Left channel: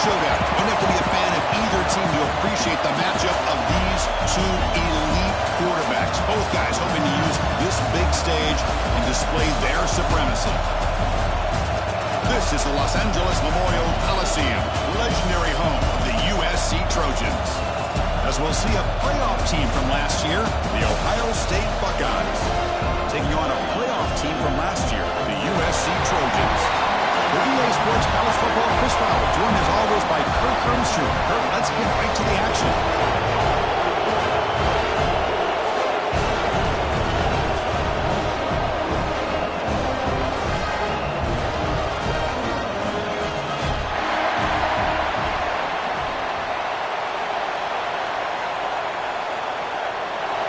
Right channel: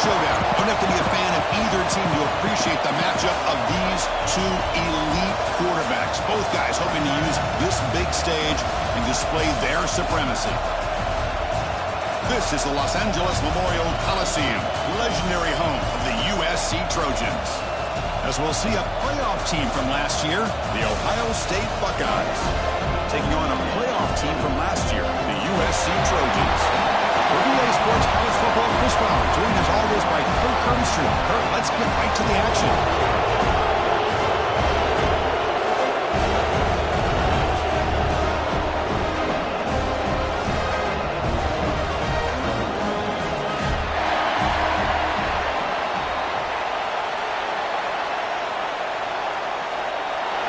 showdown. You don't have to be a fan of either team to appreciate the matchup of these two elite quarterbacks. Both guys hoping to use this big stage and display their supremacy. This is the Los Angeles Memorial Coliseum, legendary home of the USC Trojans. As we'll see a playoff team from last year, the Ohio State Buckeyes, taking on a playoff team from last year, the USC Trojans. For EA Sports College Football, Chris Fowler, joined as always by Kirk Hermstrom. Kirk, let's get right to the action.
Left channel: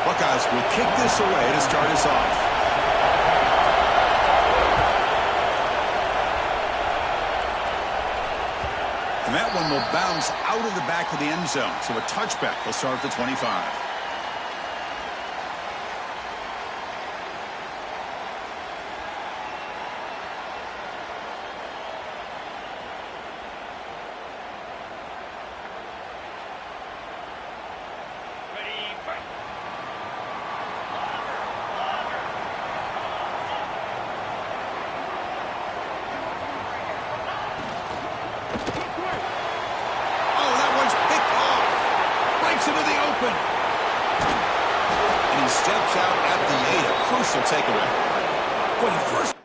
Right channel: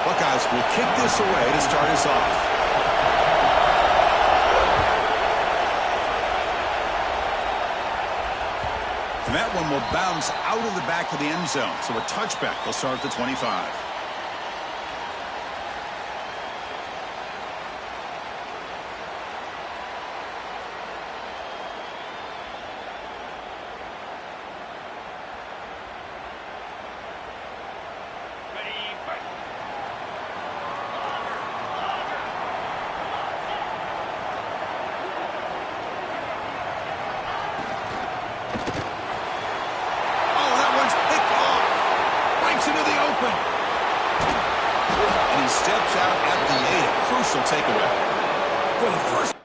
Buckeyes will kick this away to start us off. And that one will bounce out of the back of the end zone. So a touchback will start at the 25. Into the open. And he steps out at the 8. A crucial takeaway. For the first.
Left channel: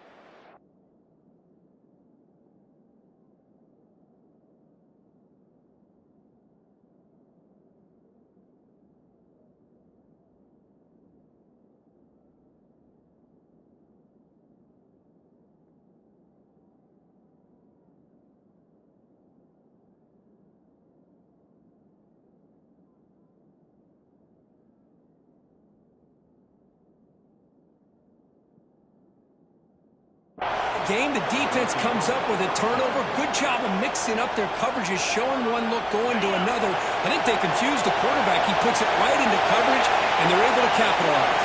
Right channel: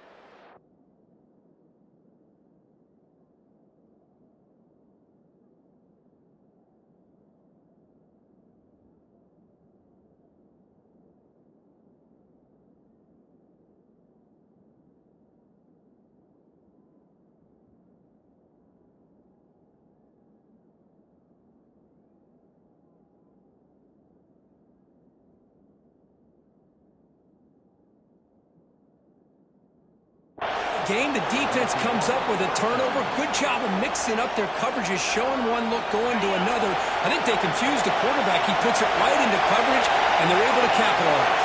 Game, the defense comes up with a turnover. Good job of mixing up their coverages, showing one look, going to another. I think they confused the quarterback. He puts it right into coverage, and they're able to capitalize.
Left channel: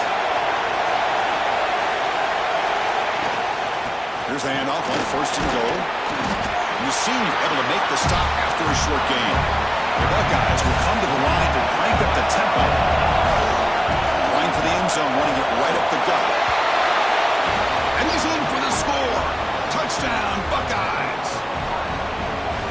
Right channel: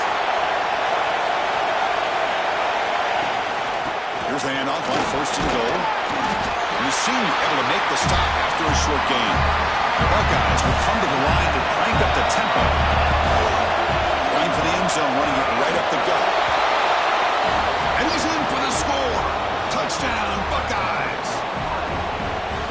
Here's the handoff on 1st and goal. And the senior able to make the stop after a short gain. The Buckeyes will come to the line to crank up the tempo. Line for the end zone, running it right up the gut. And he's in for the score. Touchdown, Buckeyes.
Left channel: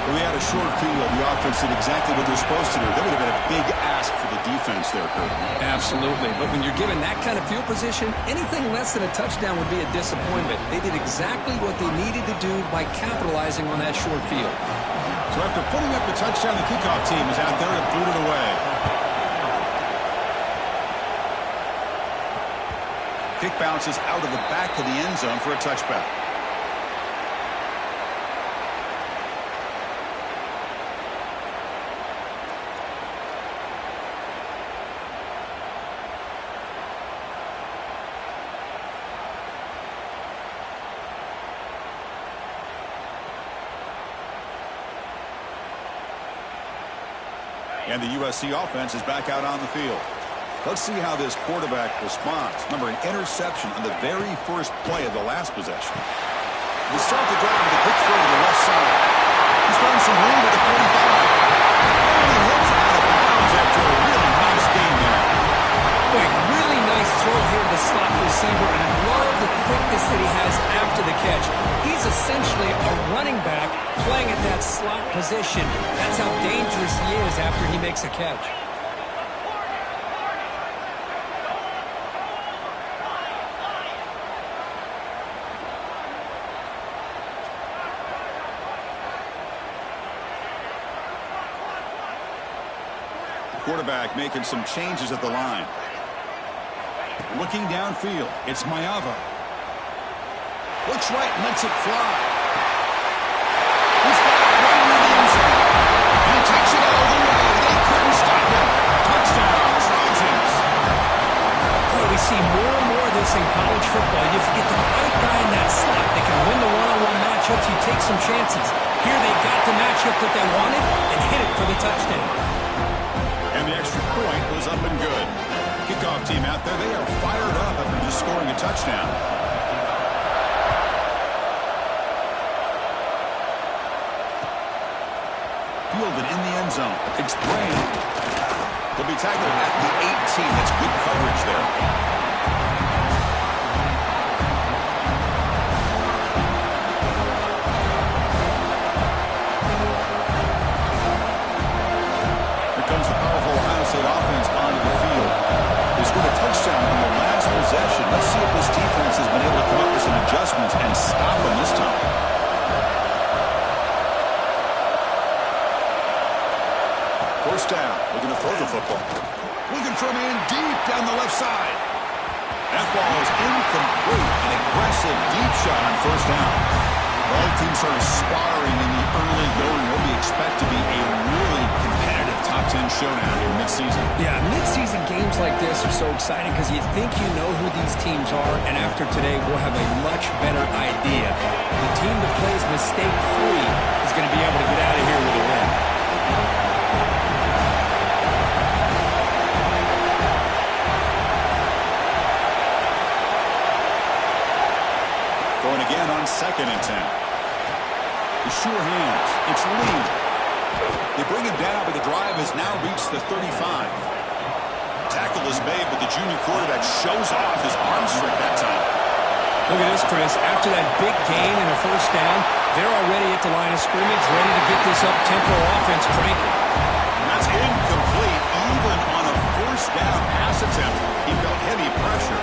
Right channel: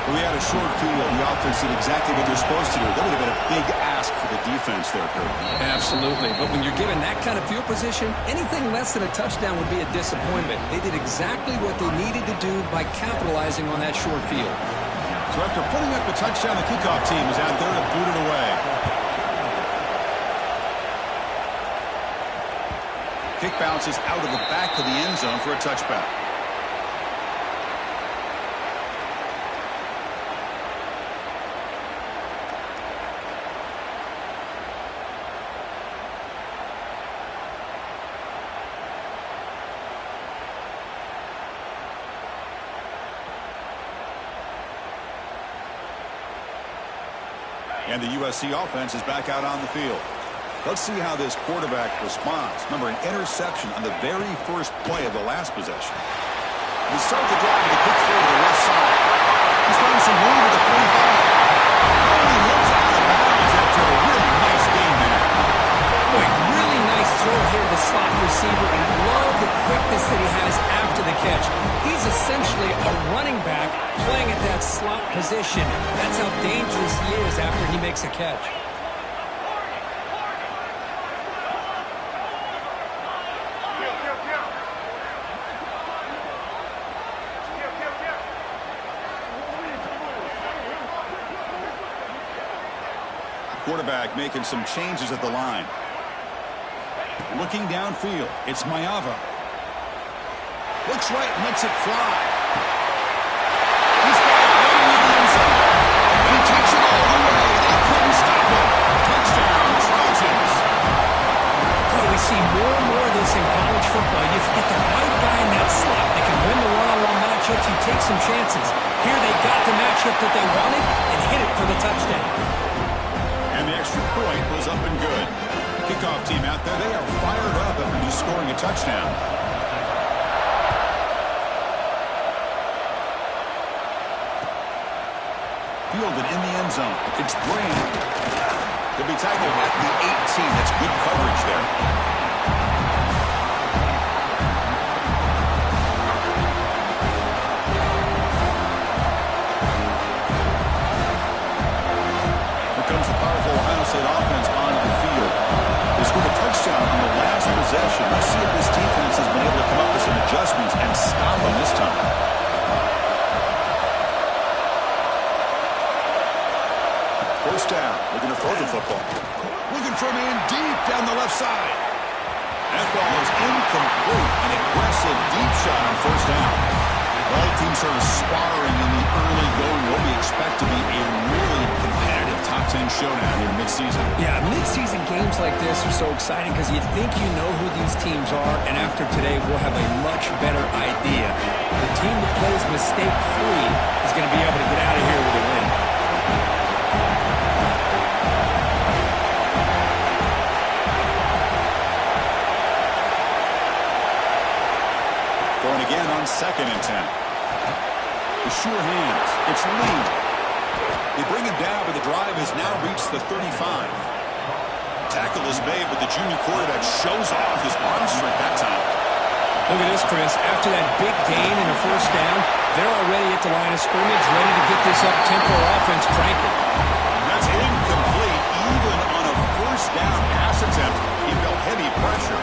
Well, we had a short field. The offense did exactly what they're supposed to do. That would have been a big ask for the defense there, Kurt. Absolutely. But when you're given that kind of field position, anything less than a touchdown would be a disappointment. They did exactly what they needed to do by capitalizing on that short field. So after putting up the touchdown, the kickoff team is out there to boot it away. Kick bounces out of the back of the end zone for a touchback. And the USC offense is back out on the field. Let's see how this quarterback responds. Remember, an interception on the very first play of the last possession. They start the drive with a quick throw to the left side. He's throwing some room at the 45. And he hits out of bounds after a really nice game there. Boy, really nice throw here to the slot receiver, and I love the quickness that he has after the catch. He's essentially a running back playing at that slot position. That's how dangerous he is after he makes a catch. Quarterback making some changes at the line. Looking downfield, it's Mayava. Looks right, lets it fly. He's got it right into the end zone. And he takes it all the way. They couldn't stop him. Touchdown, Trojans. Boy, we see more and more of this in college football. You get the right guy in that slot that can win the one-on-one matchups. You take some chances. Here they got the matchup that they wanted and hit it for the touchdown. And the extra point was up and good. Kickoff team out there, they are fired up after just scoring a touchdown. Fielded in the end zone. It's Graham. He'll be tackled at the 18. That's good coverage there. Here comes the powerful Ohio State offense onto the field. They scored a touchdown on the last possession. Let's see if this defense has been able to come up with some adjustments and stop them this time. First down, looking to throw the football. Looking for a man deep down the left side. That ball is incomplete. An aggressive deep shot on first down. Both teams sort of sputtering in the early going. What we expect to be a really competitive top 10 showdown here mid-season. Yeah, mid-season games like this are so exciting because you think you know who these teams are, and after today we'll have a much better idea. The team that plays mistake-free is going to be able to get out of here with a win. Going again on 2nd and 10. The sure hands. It's Lee. They bring him down, but the drive has now reached the 35. Tackle is made, but the junior quarterback shows off his arm strength that time. Look at this, Chris. After that big gain and a first down, they're already at the line of scrimmage, ready to get this up-tempo offense cranking. That's incomplete. Even on a first down pass attempt, he felt heavy pressure.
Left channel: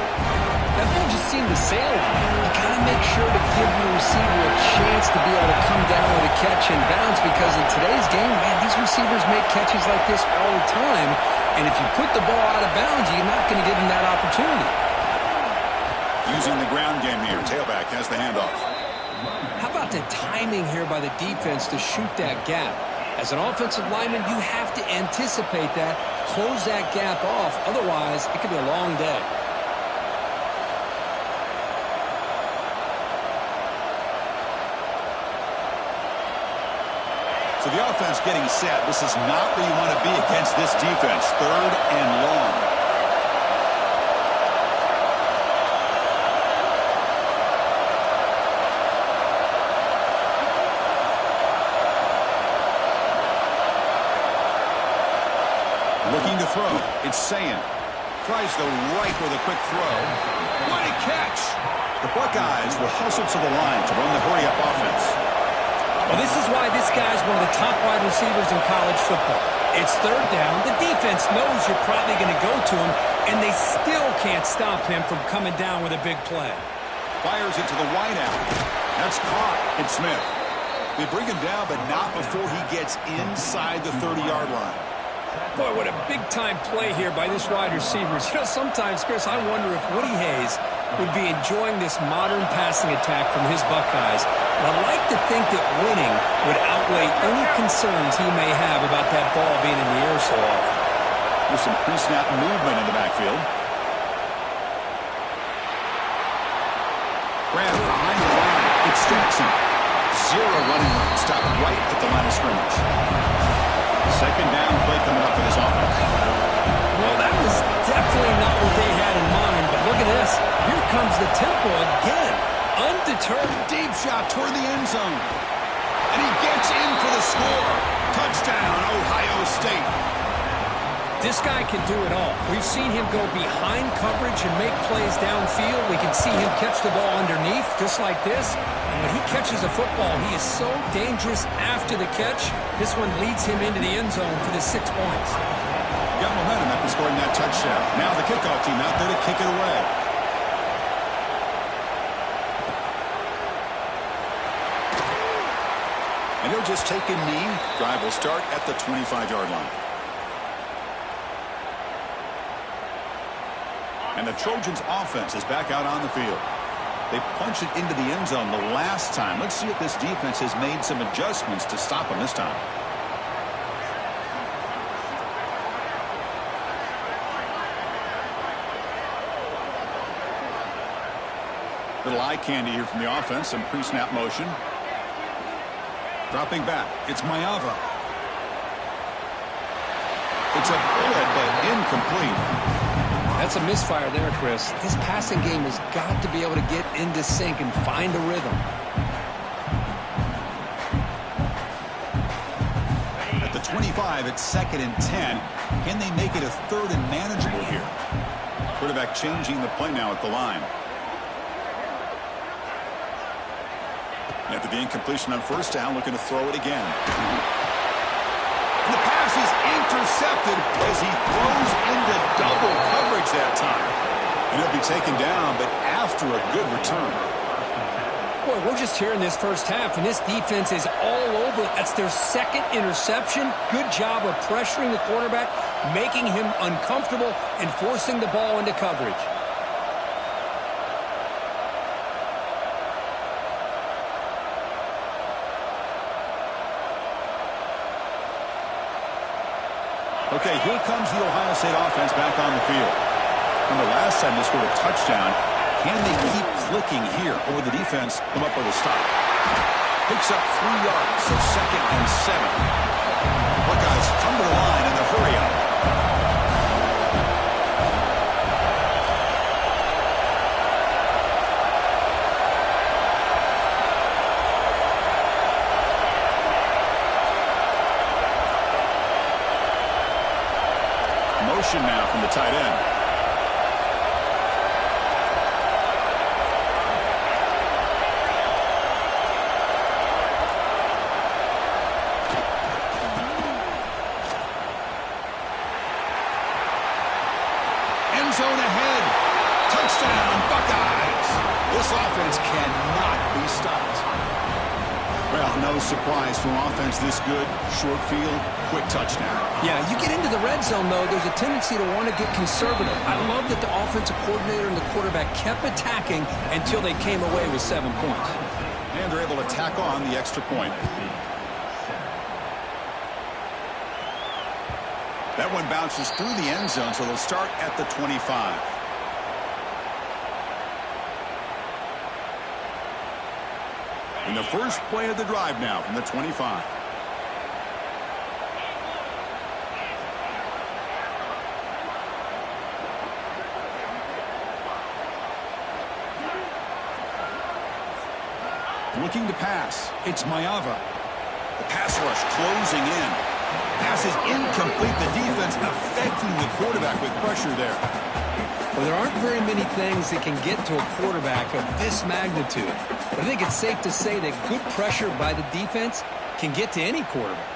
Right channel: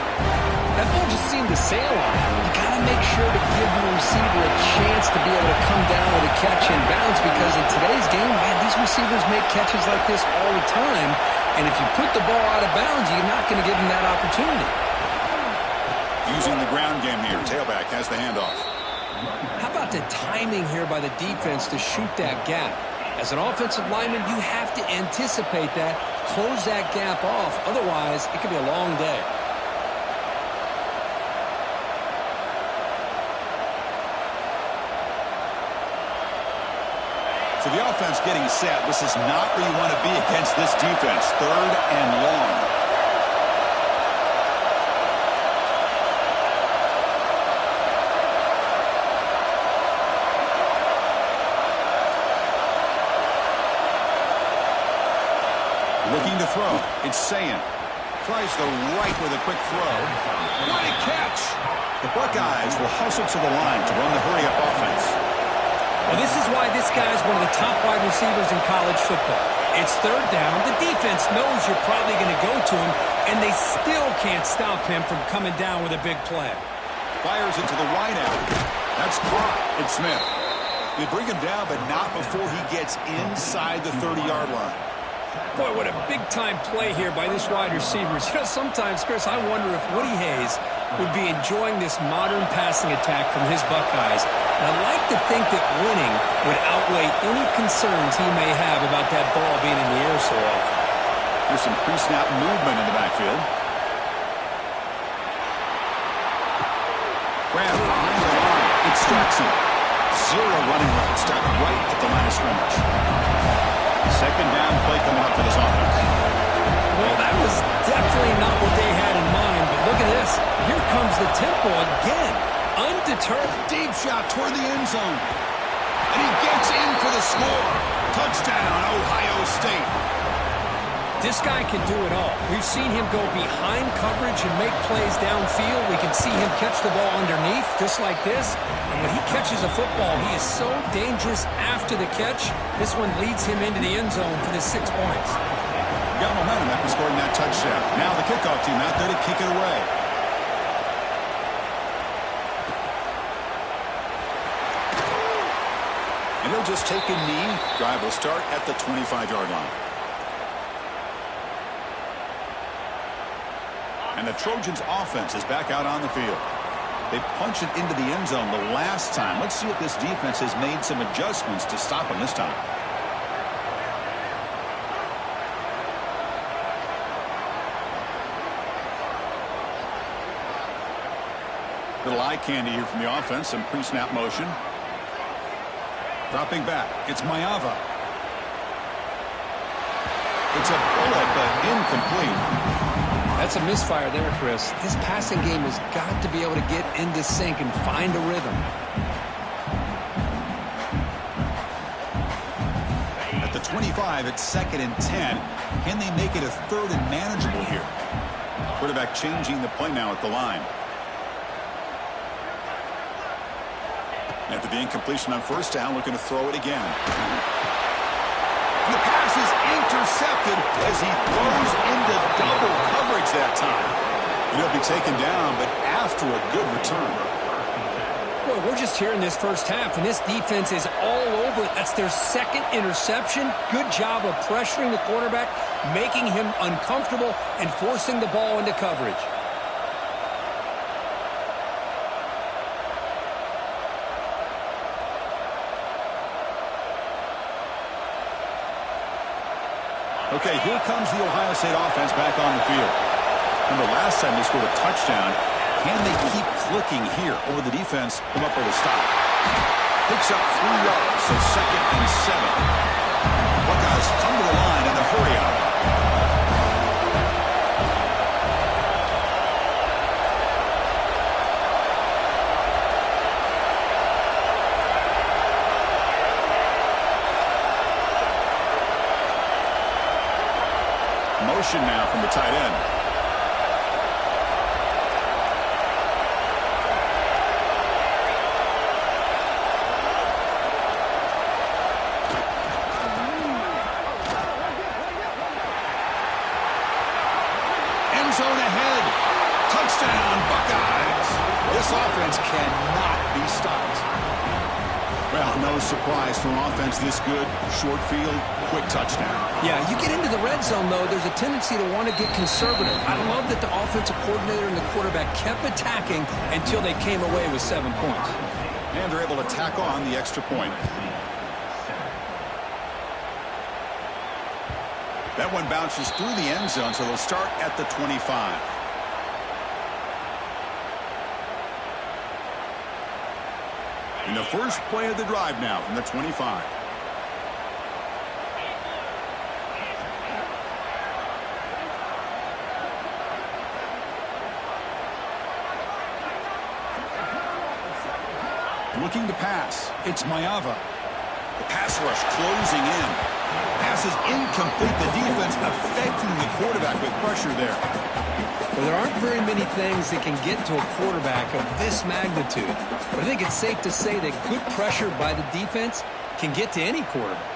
That ball just seemed to sail on him. You got to make sure to give the receiver a chance to be able to come down with a catch and bounce, because in today's game, man, these receivers make catches like this all the time. And if you put the ball out of bounds, you're not going to give them that opportunity. Using the ground game here. Tailback has the handoff. How about the timing here by the defense to shoot that gap? As an offensive lineman, you have to anticipate that, close that gap off. Otherwise, it could be a long day. So the offense getting set. This is not where you want to be against this defense. 3rd and long. Looking to throw. It's Sayin. Tries the right with a quick throw. What a catch! The Buckeyes will hustle to the line to run the hurry-up offense. Well, this is why this guy's one of the top wide receivers in college football. It's 3rd down. The defense knows you're probably going to go to him, and they still can't stop him from coming down with a big play. Fires into the wideout. That's caught. It's Smith. They bring him down, but not before he gets inside the 30-yard line. Boy, what a big-time play here by this wide receiver. You know, sometimes, Chris, I wonder if Woody Hayes would be enjoying this modern passing attack from his Buckeyes. And I'd like to think that winning would outweigh any concerns he may have about that ball being in the air so often. There's some pre-snap movement in the backfield. Graham behind the line. It's Jackson. 0 running room. Stopped right at the line of scrimmage. 2nd down play coming up for this offense. Well, that was definitely not what they had in mind, but look at this. Here comes the tempo again. Undeterred. Deep shot toward the end zone. And he gets in for the score. Touchdown, Ohio State. This guy can do it all. We've seen him go behind coverage and make plays downfield. We can see him catch the ball underneath, just like this. And when he catches a football, he is so dangerous after the catch. This one leads him into the end zone for the 6 points. Got momentum after scoring that touchdown. Now the kickoff team out there to kick it away. And he'll just take a knee. Drive will start at the 25-yard line. And the Trojans' offense is back out on the field. They punched it into the end zone the last time. Let's see if this defense has made some adjustments to stop them this time. Little eye candy here from the offense. Some pre-snap motion. Dropping back. It's Mayava. It's a bullet, but incomplete. That's a misfire there, Chris. This passing game has got to be able to get into sync and find a rhythm. the 25 at 2nd and 10. Can they make it a 3rd and manageable here? Quarterback changing the play now at the line. After the incompletion on 1st down, looking to throw it again. And the pass is intercepted as he throws into double coverage that time. And he'll be taken down, but after a good return. Boy, we're just here in this first half, and this defense is all over. That's their 2nd interception. Good job of pressuring the quarterback, making him uncomfortable, and forcing the ball into coverage. Okay, here comes the Ohio State offense back on the field. Remember, last time they scored a touchdown. Can they keep clicking here, or the defense come up with a stop? Picks up 3 yards, so 2nd and 7. Buckeyes come to the line in the hurry up. Motion now from the tight end. End zone ahead. Touchdown, Buckeyes. This offense cannot be stopped. Well, no surprise for an offense this good. Short field, quick touchdown. Yeah, you get into the red zone, though, there's a tendency to want to get conservative. I love that the offensive coordinator and the quarterback kept attacking until they came away with 7 points. And they're able to tack on the extra point. That one bounces through the end zone, so they'll start at the 25. In the first play of the drive now from the 25. Looking to pass. It's Maiava. The pass rush closing in. Pass is incomplete. The defense affecting the quarterback with pressure there. Well, there aren't very many things that can get to a quarterback of this magnitude. But I think it's safe to say that good pressure by the defense can get to any quarterback.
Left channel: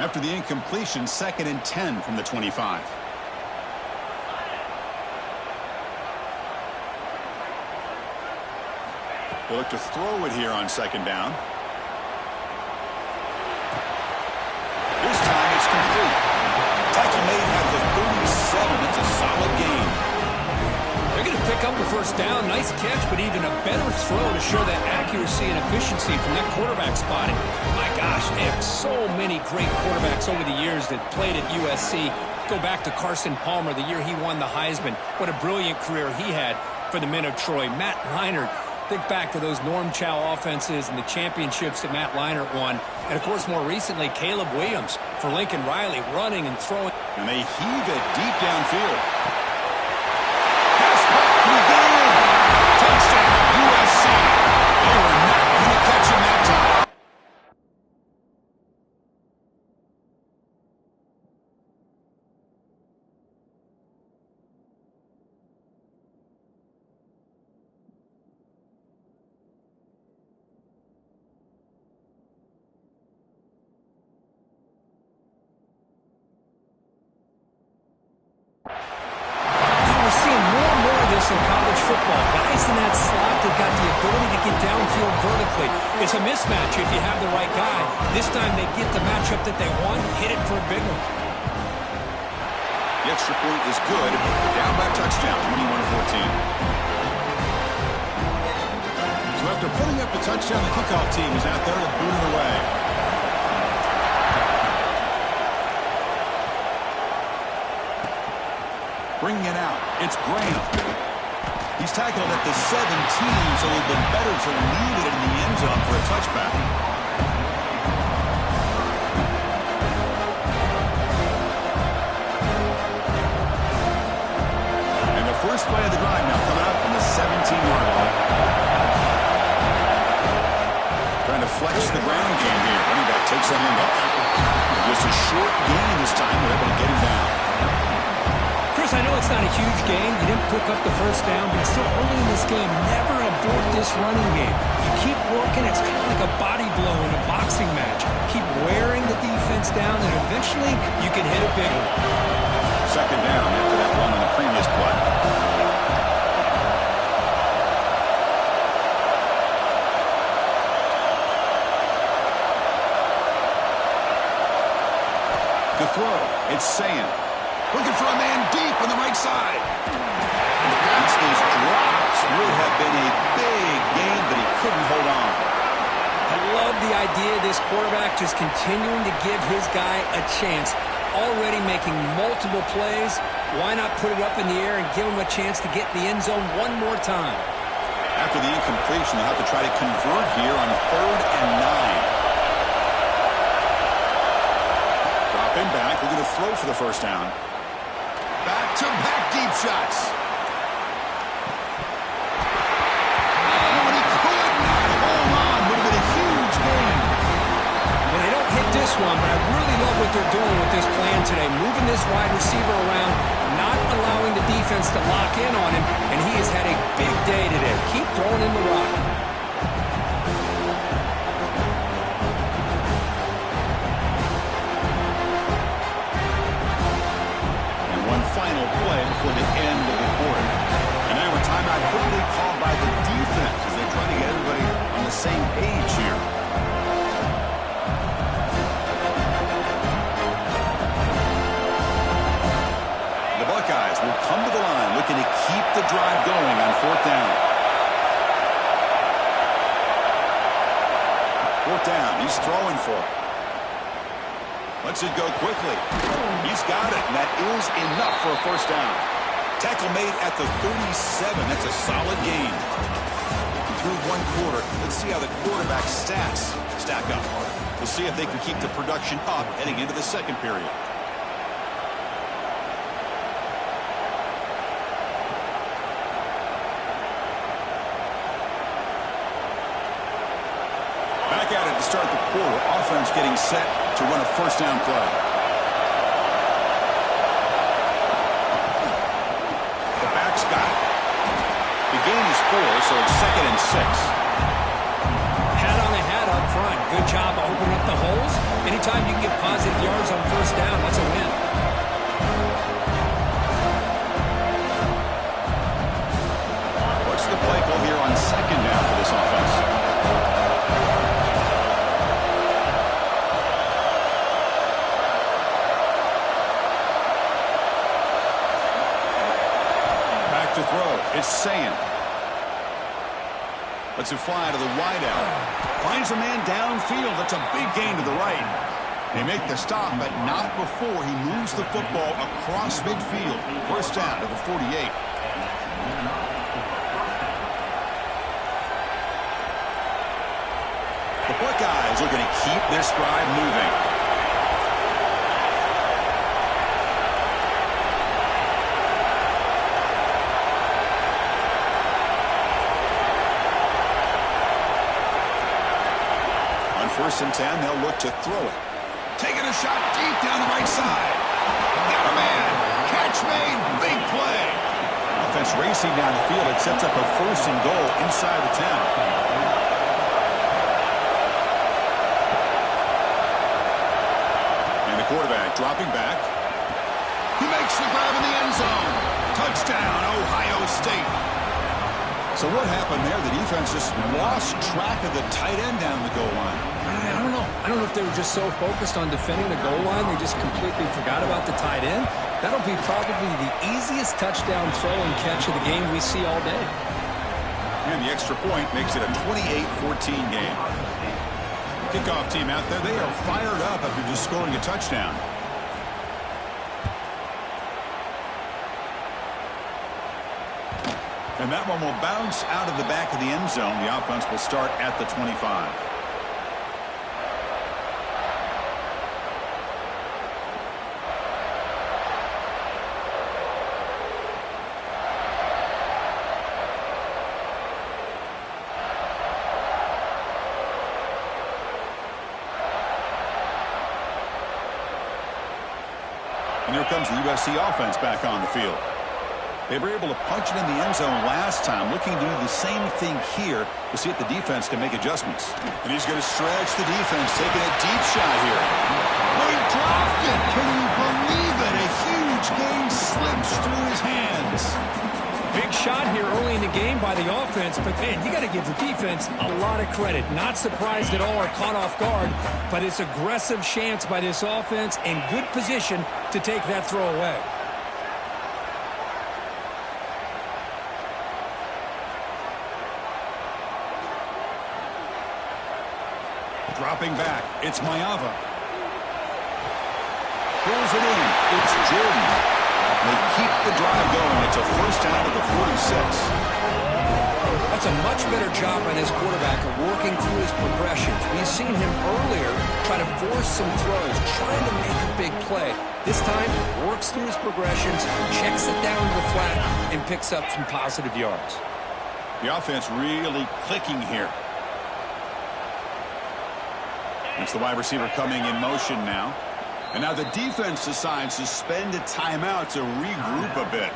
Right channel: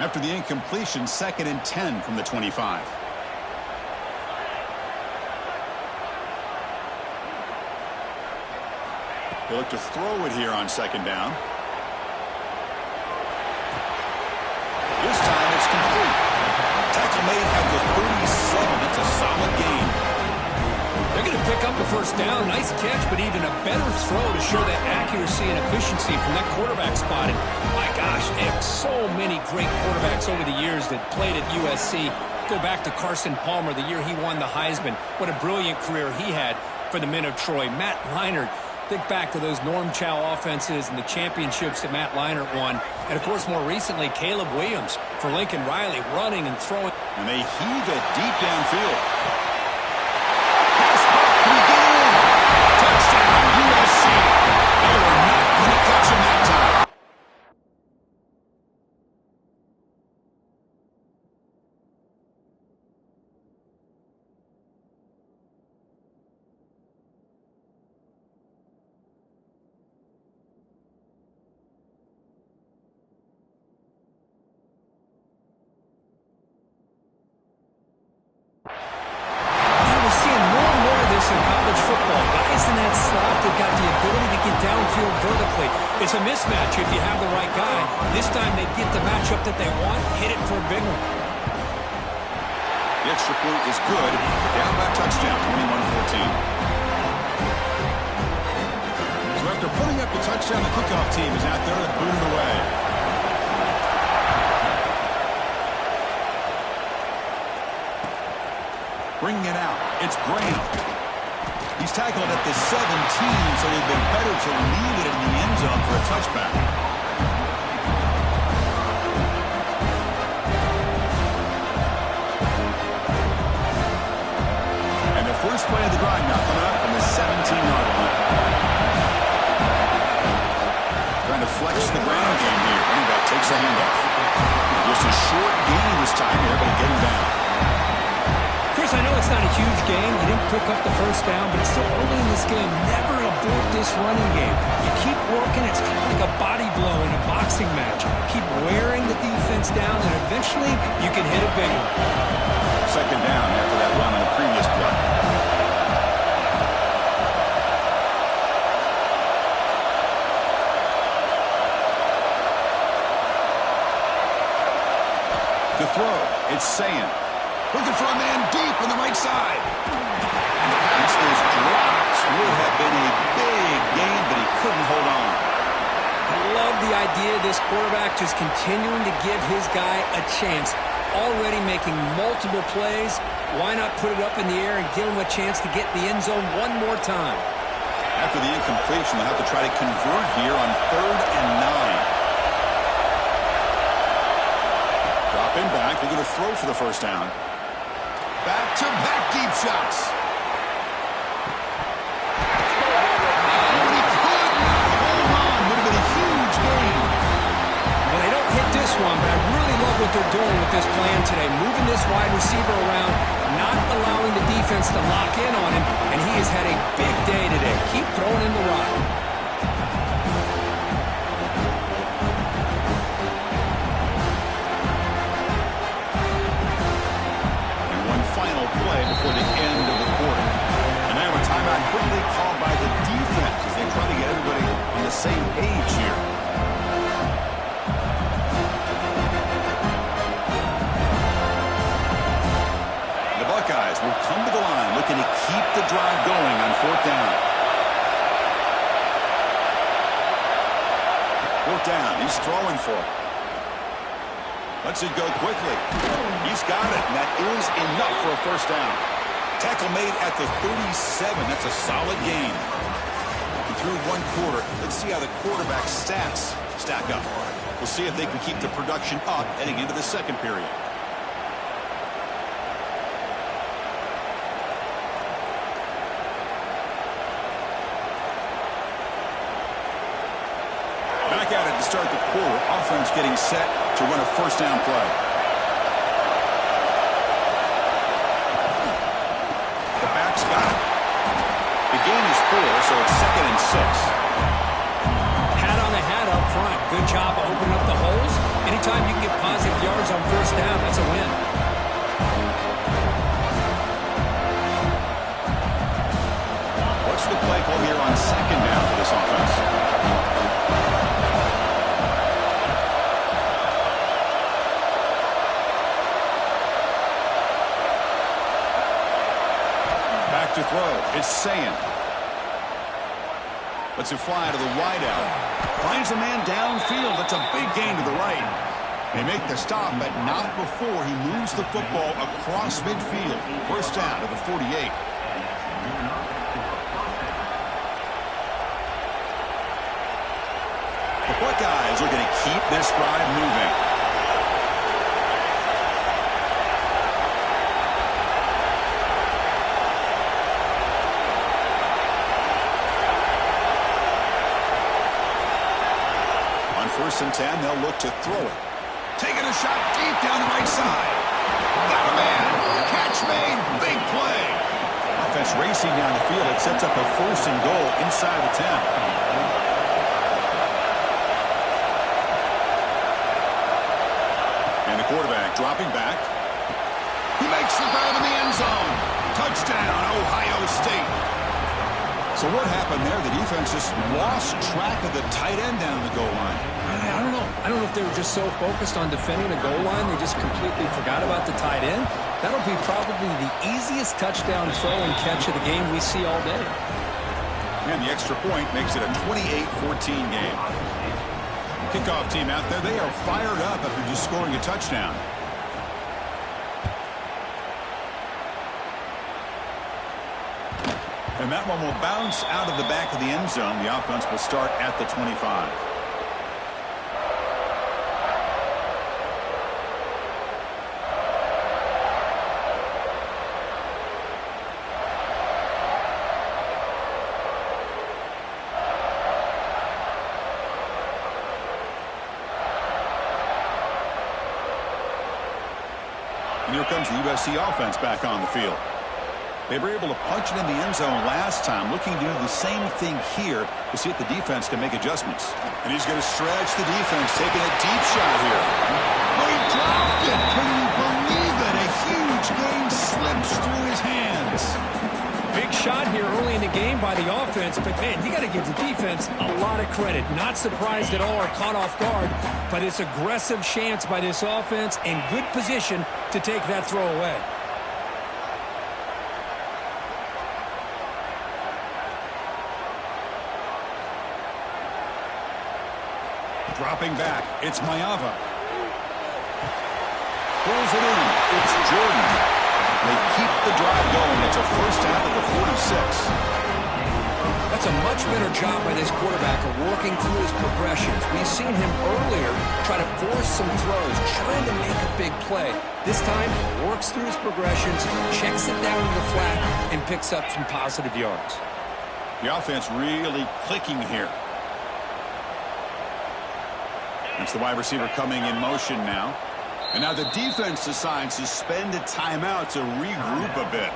After the incompletion, 2nd and 10 from the 25. They look to throw it here on 2nd down. This time it's complete. Tackle made at the 37. It's a solid gain. They're going to pick up the 1st down. Nice catch, but even a better throw to show that accuracy and efficiency from that quarterback spot. And my gosh, they have so many great quarterbacks over the years that played at USC. Go back to Carson Palmer, the year he won the Heisman. What a brilliant career he had for the men of Troy. Matt Leinart. Think back to those Norm Chow offenses and the championships that Matt Leinart won. And, of course, more recently, Caleb Williams for Lincoln Riley running and throwing. And they heave it deep downfield. Pass punt, can he get in? Touchdown, USC. They were not going to catch him that time. In college football, guys in that slot that got the ability to get downfield vertically. It's a mismatch if you have the right guy. This time they get the matchup that they want, hit it for a big one. The extra point is good. Down by a touchdown, 21-14. So after putting up the touchdown, the kickoff team is out there to boot it away. Bringing it out, it's Graham. He's tackled at the 17, so it would have been better to leave it in the end zone for a touchback. play of the drive now, coming up from the 17-yard line. Trying to flex the ground game here. Running back takes the handoff. And just a short gain this time. They're able to get him down. Chris, I know it's not a huge gain. You didn't pick up the first down, but it's still early in this game. Never abort this running game. You keep working. It's kind of like a body blow in a boxing match. Keep wearing the defense down, and eventually you can hit a big one. Second down after that run on the previous play. To throw, it's Sayin. Looking for a man deep on the right side. And the pass is dropped. Would have been a big gain, but he couldn't hold on. I love the idea of this quarterback just continuing to give his guy a chance. Already making multiple plays. Why not put it up in the air and give him a chance to get in the end zone one more time? After the incompletion, they'll have to try to convert here on 3rd and 9. Dropping back, looking to throw for the first down. Back-to-back deep shots. Oh, and he could not hold on. Would have been a huge gain. Well, they don't hit this one, but I really love what they're doing with this plan today. Moving this wide receiver around, not allowing the defense to lock in on him, and he has had a big day today. Keep throwing in the rock. Final play before the end of the quarter. And now a timeout quickly called by the defense as they try to get everybody on the same page here. The Buckeyes will come to the line looking to keep the drive going on 4th down. 4th down, he's throwing for it. Lets it go quickly. He's got it, and that is enough for a first down. Tackle made at the 37. That's a solid gain. Through one quarter, let's see how the quarterback's stats stack up. We'll see if they can keep the production up heading into the second period. Back at it to start the quarter. Offense getting set to run a first down play. The back's got it. The gain is 4, so it's 2nd and 6. Hat on the hat up front. Good job of opening up the holes. Anytime you can get positive yards on first down, that's a win. What's the play call here on 2nd down for this offense? Back to throw. It's Sayin. Lets it fly to the wideout. Finds a man downfield. That's a big gain to the right. They make the stop, but not before he moves the football across midfield. First down to the 48. The Buckeyes looking to keep this drive moving. On 1st and 10, they'll look to throw it. Taking a shot deep down the right side. Got a man. Catch made. Big play. Offense racing down the field. It sets up a 1st and goal inside the 10. And the quarterback dropping back. He makes the grab in the end zone. Touchdown, Ohio State. So what happened there? The defense just lost track of the tight end down the goal line. I don't know. I don't know if they were just so focused on defending the goal line, they just completely forgot about the tight end. That'll be probably the easiest touchdown throw and catch of the game we see all day. And the extra point makes it a 28-14 game. Kickoff team out there, they are fired up after just scoring a touchdown. And that one will bounce out of the back of the end zone. The offense will start at the 25. And here comes the USC offense back on the field. They were able to punch it in the end zone last time, looking to do the same thing here to see if the defense can make adjustments. And he's going to stretch the defense, taking a deep shot here. Oh, he dropped it. Can you believe it? A huge gain slips through his hands. Big shot here early in the game by the offense, but man, you got to give the defense a lot of credit. Not surprised at all or caught off guard, but it's aggressive chance by this offense in good position to take that throw away. Dropping back, it's Maiava. Pulls it in, it's Jordan. They keep the drive going. It's a first down at the 46. That's a much better job by this quarterback of working through his progressions. We've seen him earlier try to force some throws, trying to make a big play. This time, works through his progressions, checks it down to the flat, and picks up some positive yards. The offense really clicking here. It's the wide receiver coming in motion now. And now the defense decides to spend a timeout to regroup a bit.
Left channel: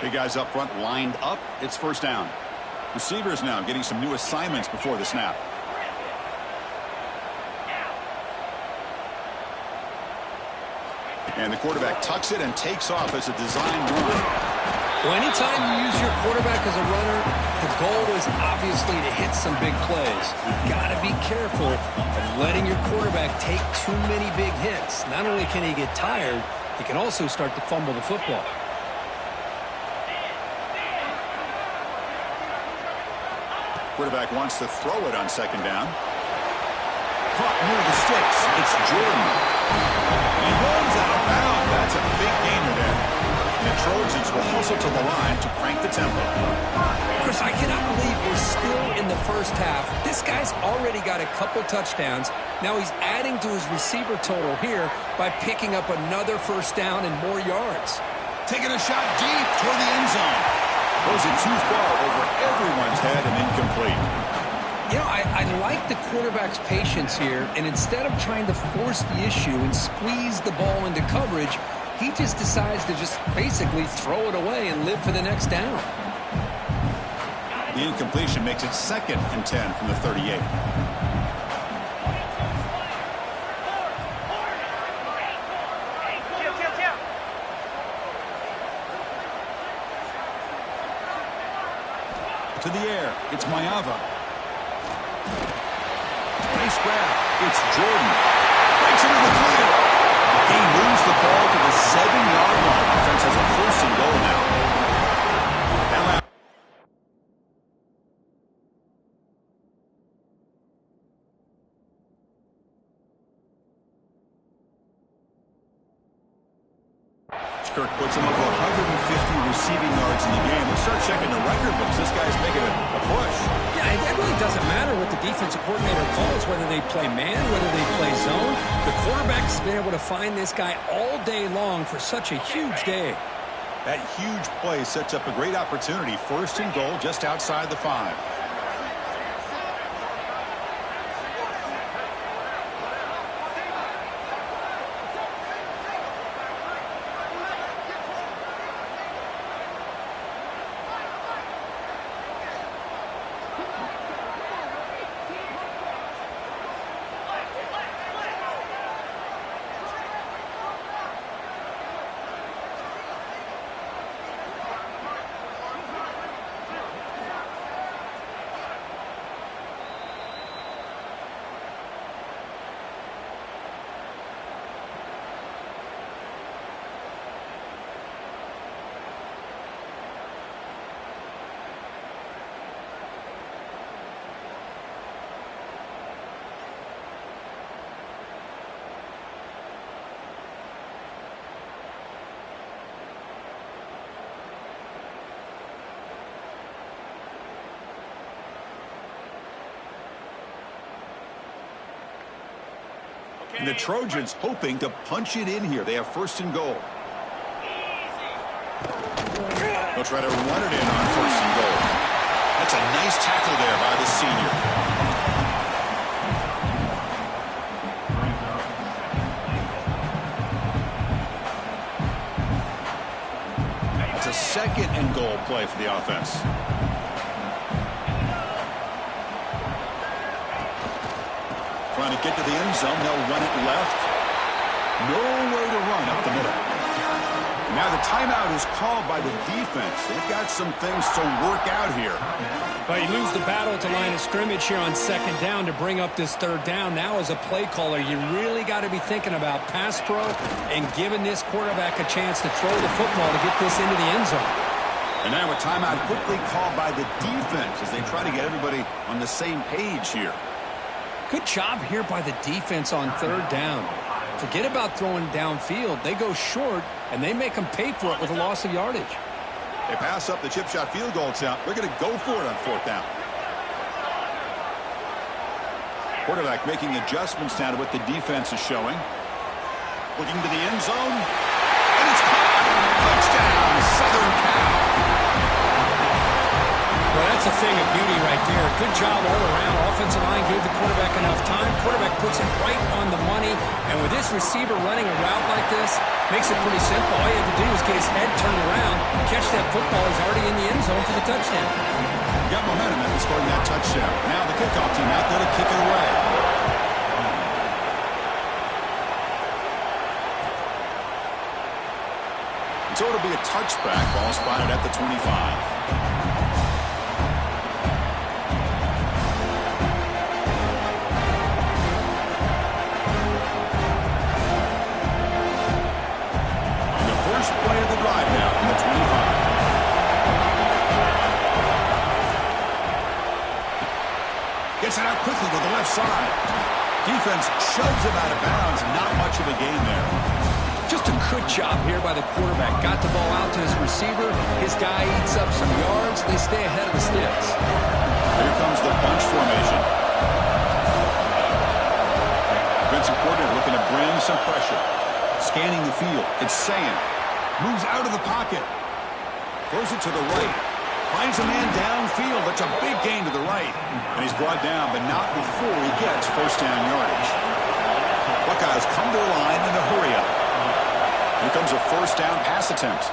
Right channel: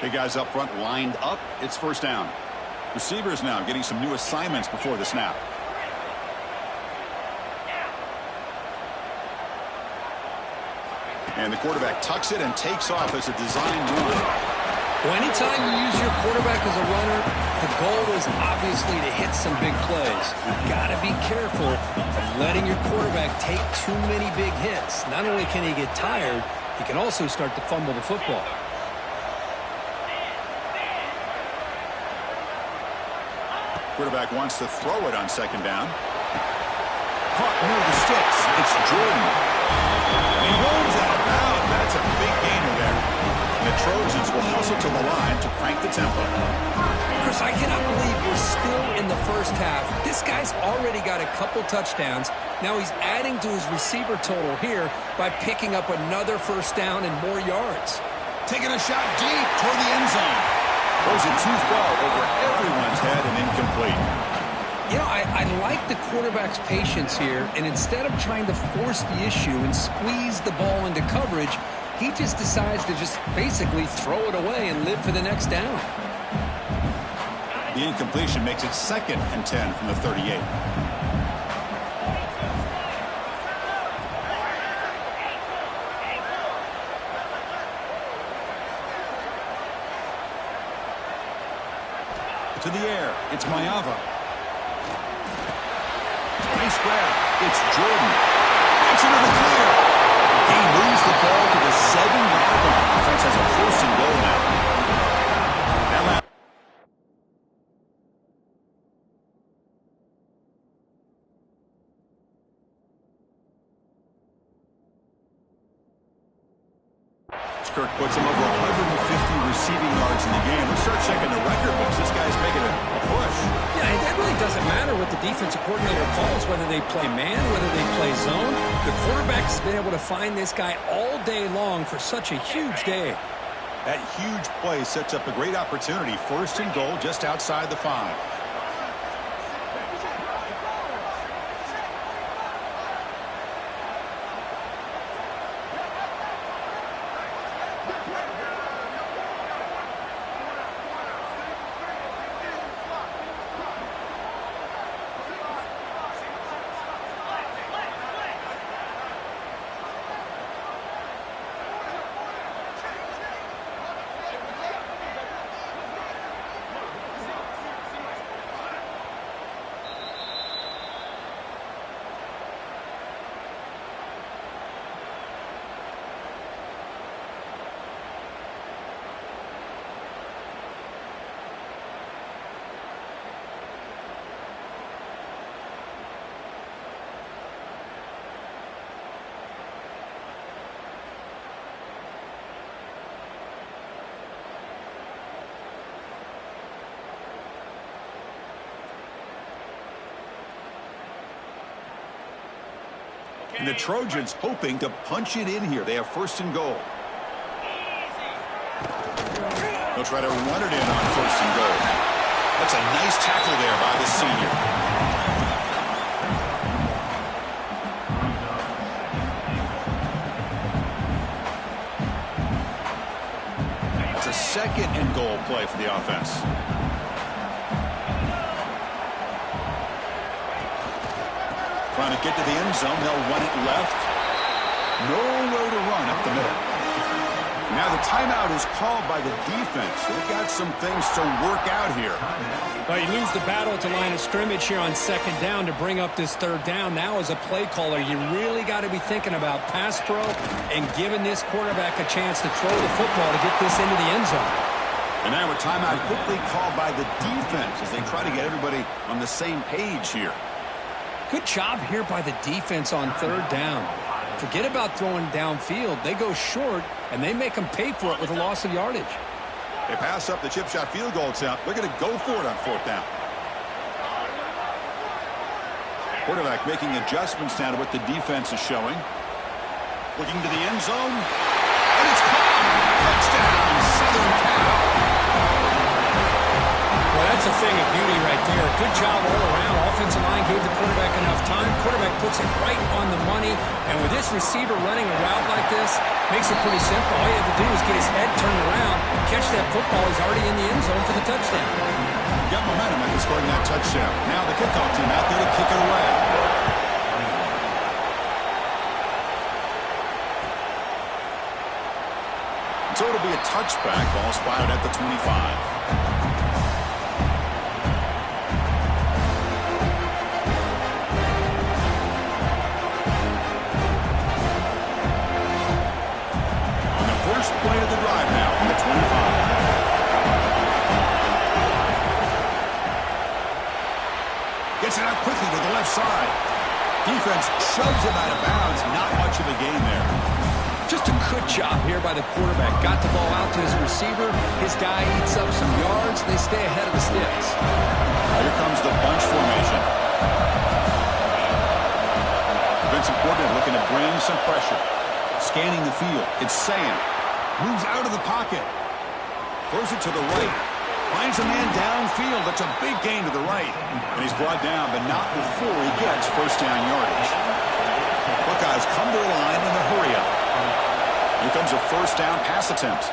Big guys up front lined up. It's first down. Receivers now getting some new assignments before the snap. And the quarterback tucks it and takes off as a design run. Well, anytime you use your quarterback as a runner, the goal is obviously to hit some big plays. You've got to be careful of letting your quarterback take too many big hits. Not only can he get tired, he can also start to fumble the football. Quarterback wants to throw it on second down. Caught near the sticks. It's Jordan. He runs out of bounds. That's a big gainer there. And the Trojans will hustle to the line to crank the tempo. Chris, I cannot believe we're still in the first half. This guy's already got a couple touchdowns. Now he's adding to his receiver total here by picking up another first down and more yards. Taking a shot deep toward the end zone. Throws it too far over everyone's head and incomplete. You know, I like the quarterback's patience here, and instead of trying to force the issue and squeeze the ball into coverage, he just decides to just basically throw it away and live for the next down. The incompletion makes it 2nd and 10 from the 38. To the air, it's Maiava. Nice grab. It's Jordan. Breaks into the clear. He moves the ball to the 7-yard line. Offense has a first and goal now. That last Kirk puts him over 150 receiving yards in the game. Let's start checking the record books. This guy's making a push. Yeah, it really doesn't matter what the defensive coordinator calls, whether they play man, whether they play zone. The quarterback has been able to find this guy all day long for such a huge day. That huge play sets up a great opportunity. First and goal just outside the 5. And the Trojans hoping to punch it in here. They have first and goal. They'll try to run it in on first and goal. That's a nice tackle there by the senior. That's a 2nd and goal play for the offense. Trying to get to the end zone. They'll run it left. Nowhere to run up the middle. Now the timeout is called by the defense. They've got some things to work out here. But you lose the battle at the line of scrimmage here on 2nd down to bring up this 3rd down. Now as a play caller, you really got to be thinking about pass pro and giving this quarterback a chance to throw the football to get this into the end zone. And now a timeout quickly called by the defense as they try to get everybody on the same page here. Good job here by the defense on 3rd down. Forget about throwing downfield. They go short, and they make them pay for it with a loss of yardage. They pass up the chip shot field goal attempt. They're going to go for it on 4th down. Quarterback making adjustments now to what the defense is showing. Looking to the end zone. And it's caught. Touchdown, Southern Cal. Well, that's a thing of beauty right there. Good job all around. Offensive line gave the quarterback enough time. Quarterback puts it right on the money. And with this receiver running a route like this, makes it pretty simple. All you have to do is get his head turned around, catch that football. He's already in the end zone for the touchdown. Got momentum after scoring that touchdown. Now the kickoff team out there to kick it away. So it'll be a touchback. Ball spotted at the 25. First play of the drive now from the 25. Gets it out quickly to the left side. Defense shoves him out of bounds. Not much of a gain there. Just a good job here by the quarterback. Got the ball out to his receiver. His guy eats up some yards. They stay ahead of the sticks. Here comes the bunch formation. Defensive coordinator looking to bring some pressure. Scanning the field. It's Sayan. Moves out of the pocket. Throws it to the right. Finds a man downfield. That's a big gain to the right. And he's brought down, but not before he gets 1st down yardage. Buckeyes come to the line in a hurry up. Here comes a 1st down pass attempt.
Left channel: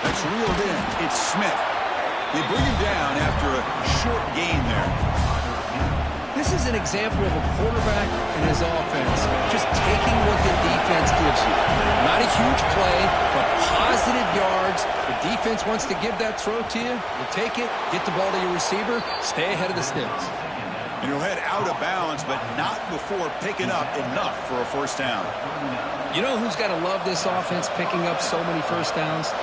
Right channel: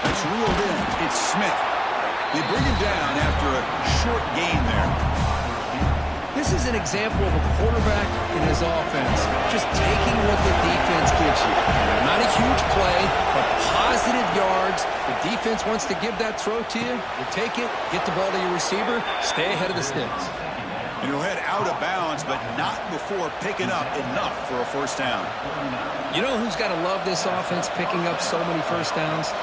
That's reeled in. It's Smith. They bring him down after a short gain there. This is an example of a quarterback and his offense just taking what the defense gives you. Not a huge play, but positive yards. The defense wants to give that throw to you. You take it, get the ball to your receiver, stay ahead of the sticks. And he'll head out of bounds, but not before picking up enough for a 1st down. You know who's got to love this offense picking up so many 1st downs?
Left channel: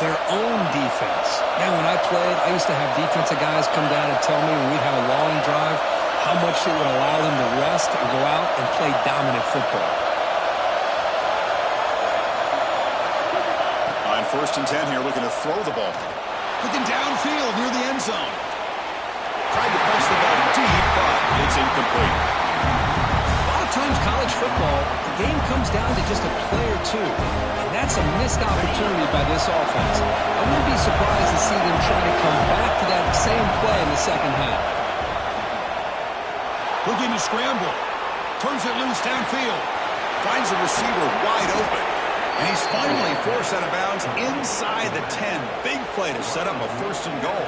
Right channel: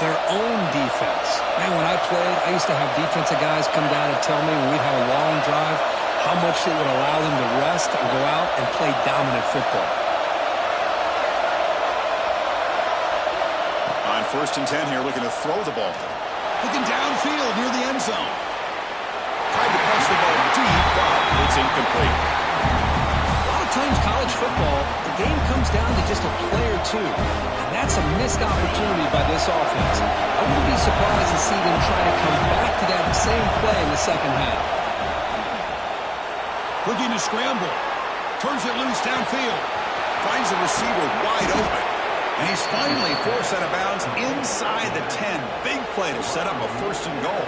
Their own defense. Man, when I played, I used to have defensive guys come down and tell me when we'd have a long drive how much it would allow them to rest and go out and play dominant football. On 1st and 10 here, looking to throw the ball. Looking downfield near the end zone. Tried to press the ball deep, but it's incomplete. A lot of times college football, the game comes down to just a play or two. And that's a missed opportunity by this offense. I wouldn't be surprised to see them try to come back to that same play in the 2nd half. Looking to scramble. Turns it loose downfield. Finds the receiver wide open. And he's finally forced out of bounds inside the 10. Big play to set up a 1st and goal.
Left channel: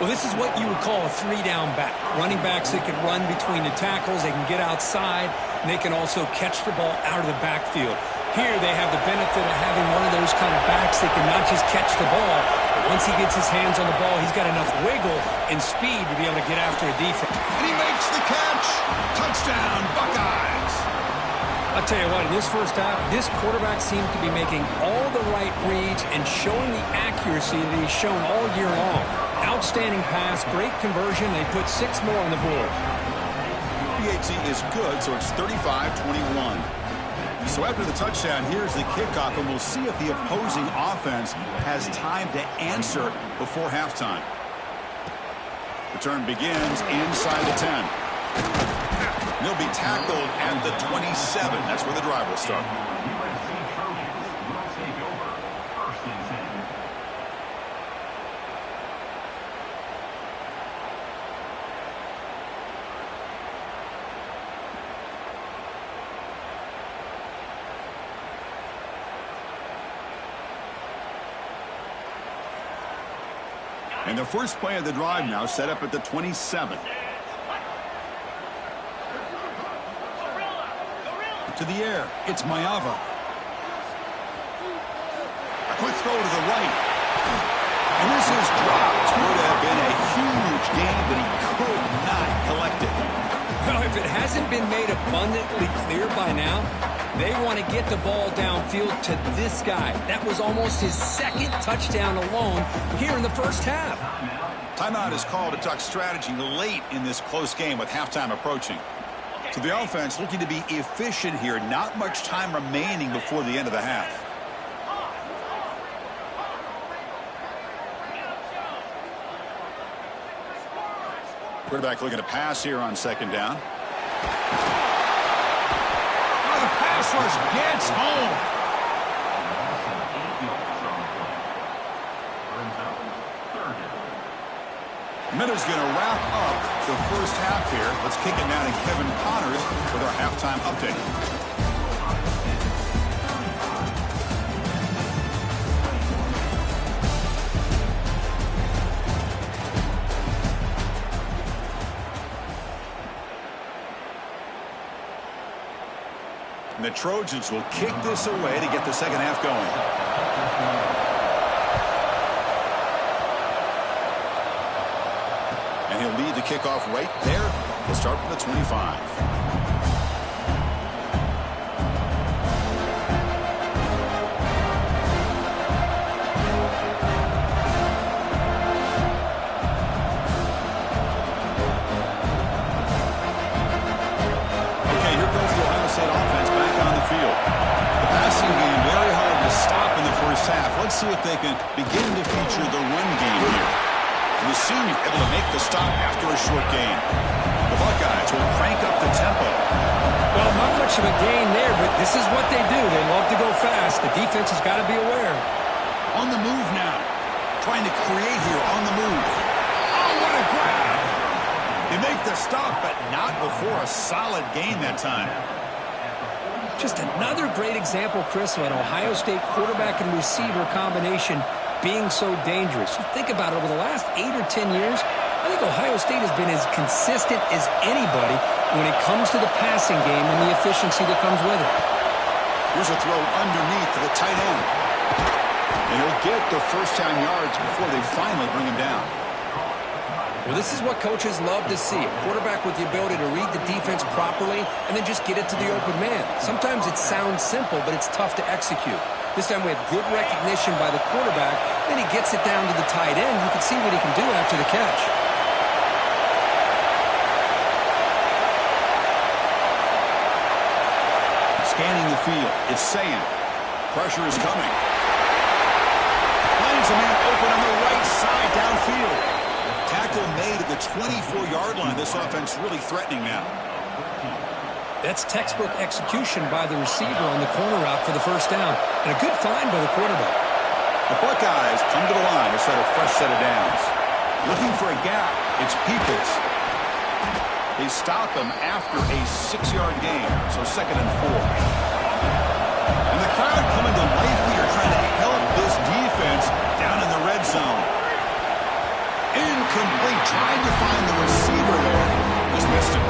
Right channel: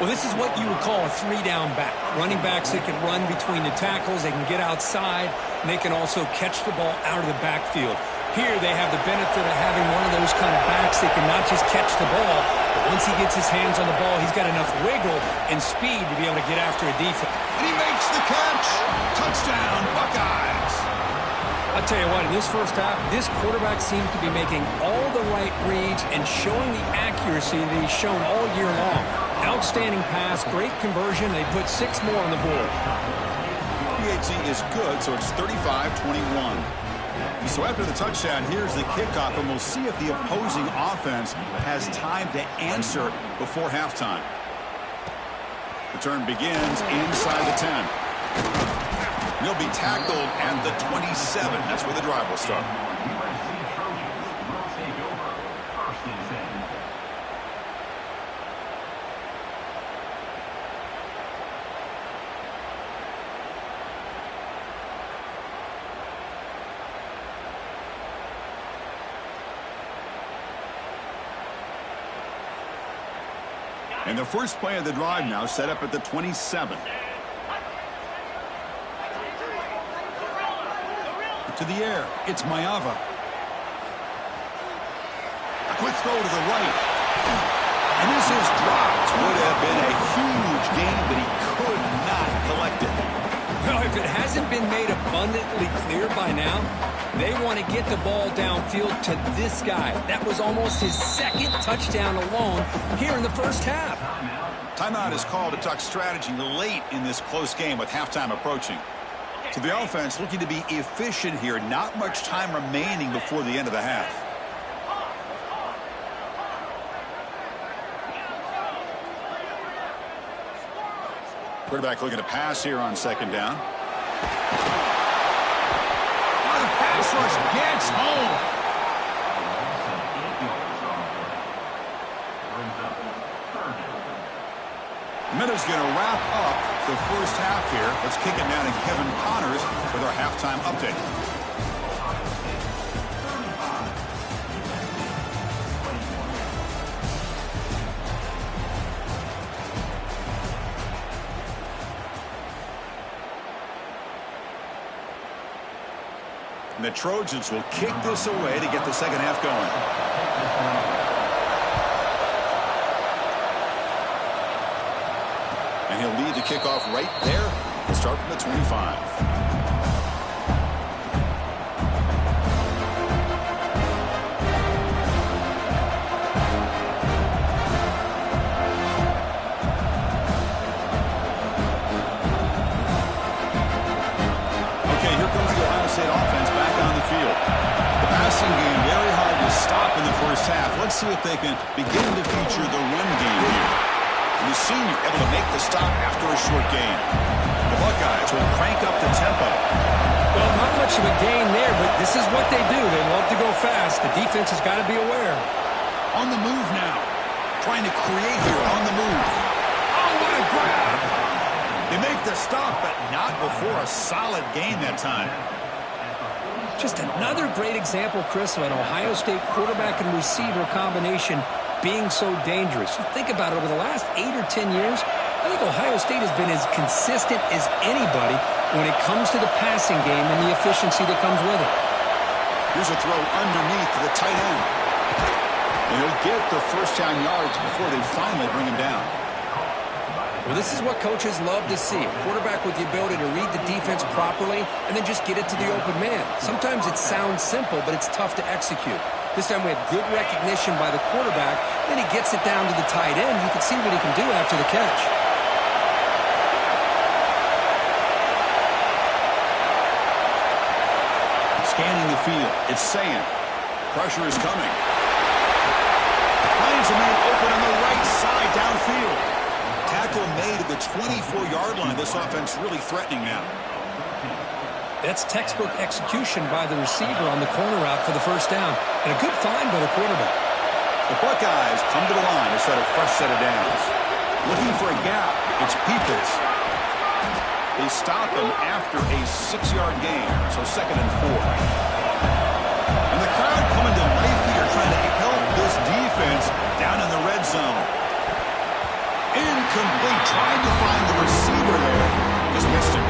Well, this is what you would call a 3-down back. Running backs that can run between the tackles. They can get outside. And they can also catch the ball out of the backfield. Here they have the benefit of having one of those kind of backs that can not just catch the ball, but once he gets his hands on the ball, he's got enough wiggle and speed to be able to get after a defense. And he makes the catch. Touchdown, Buckeyes. I'll tell you what, in this 1st half, this quarterback seems to be making all the right reads and showing the accuracy that he's shown all year long. Outstanding pass, great conversion. They put 6 more on the board. PAT is good, so it's 35-21. So after the touchdown, here's the kickoff, and we'll see if the opposing offense has time to answer before halftime. Return begins inside the 10. He'll be tackled at the 27. That's where the drive will start. And the first play of the drive now set up at the 27. To the air, it's Mayava. A quick throw to the right. And this is dropped. Would have been a huge gain, but he could not collect it. Well, if it hasn't been made abundantly clear by now, they want to get the ball downfield to this guy. That was almost his second touchdown alone here in the first half. Timeout is called to talk strategy late in this close game with halftime approaching. So the offense looking to be efficient here. Not much time remaining before the end of the half. Quarterback looking to pass here on second down. Oh, the pass rush gets home. The minute's going to wrap up the first half here. Let's kick it now to Kevin Connors with our halftime update. And the Trojans will kick this away to get the second half going. And he'll lead the kickoff right there. He'll start from the 25. Okay, here comes the Ohio State offense back on the field. The passing game very hard to stop in the first half. Let's see if they can begin to feature the run game here. And the senior able to make the stop after a short gain. The Buckeyes will crank up the tempo. Well, not much of a gain there, but this is what they do. They love to go fast. The defense has got to be aware. On the move now. Trying to create here on the move. Oh, what a grab! They make the stop, but not before a solid gain that time. Just another great example, Chris, of an Ohio State quarterback and receiver combination being so dangerous. You think about it, over the last 8 or 10 years, I think Ohio State has been as consistent as anybody when it comes to the passing game and the efficiency that comes with it. Here's a throw underneath to the tight end. And he'll get the first down yards before they finally bring him down. Well, this is what coaches love to see. A quarterback with the ability to read the defense properly and then just get it to the open man. Sometimes it sounds simple, but it's tough to execute. This time we have good recognition by the quarterback. Then he gets it down to the tight end. You can see what he can do after the catch. Scanning the field. It's Sayin. Pressure is coming. Finds a man open on the right side downfield. Tackle made at the 24-yard line. This offense really threatening now. That's textbook execution by the receiver on the corner route for the first down. And a good find by the quarterback. The Buckeyes come to the line to set a fresh set of downs. Looking for a gap. It's Peoples. They stop him after a 6-yard gain. So 2nd and 4. And the crowd coming to life here trying to help this defense down in the red zone. Incomplete. Tried to find the receiver there. Just missed him.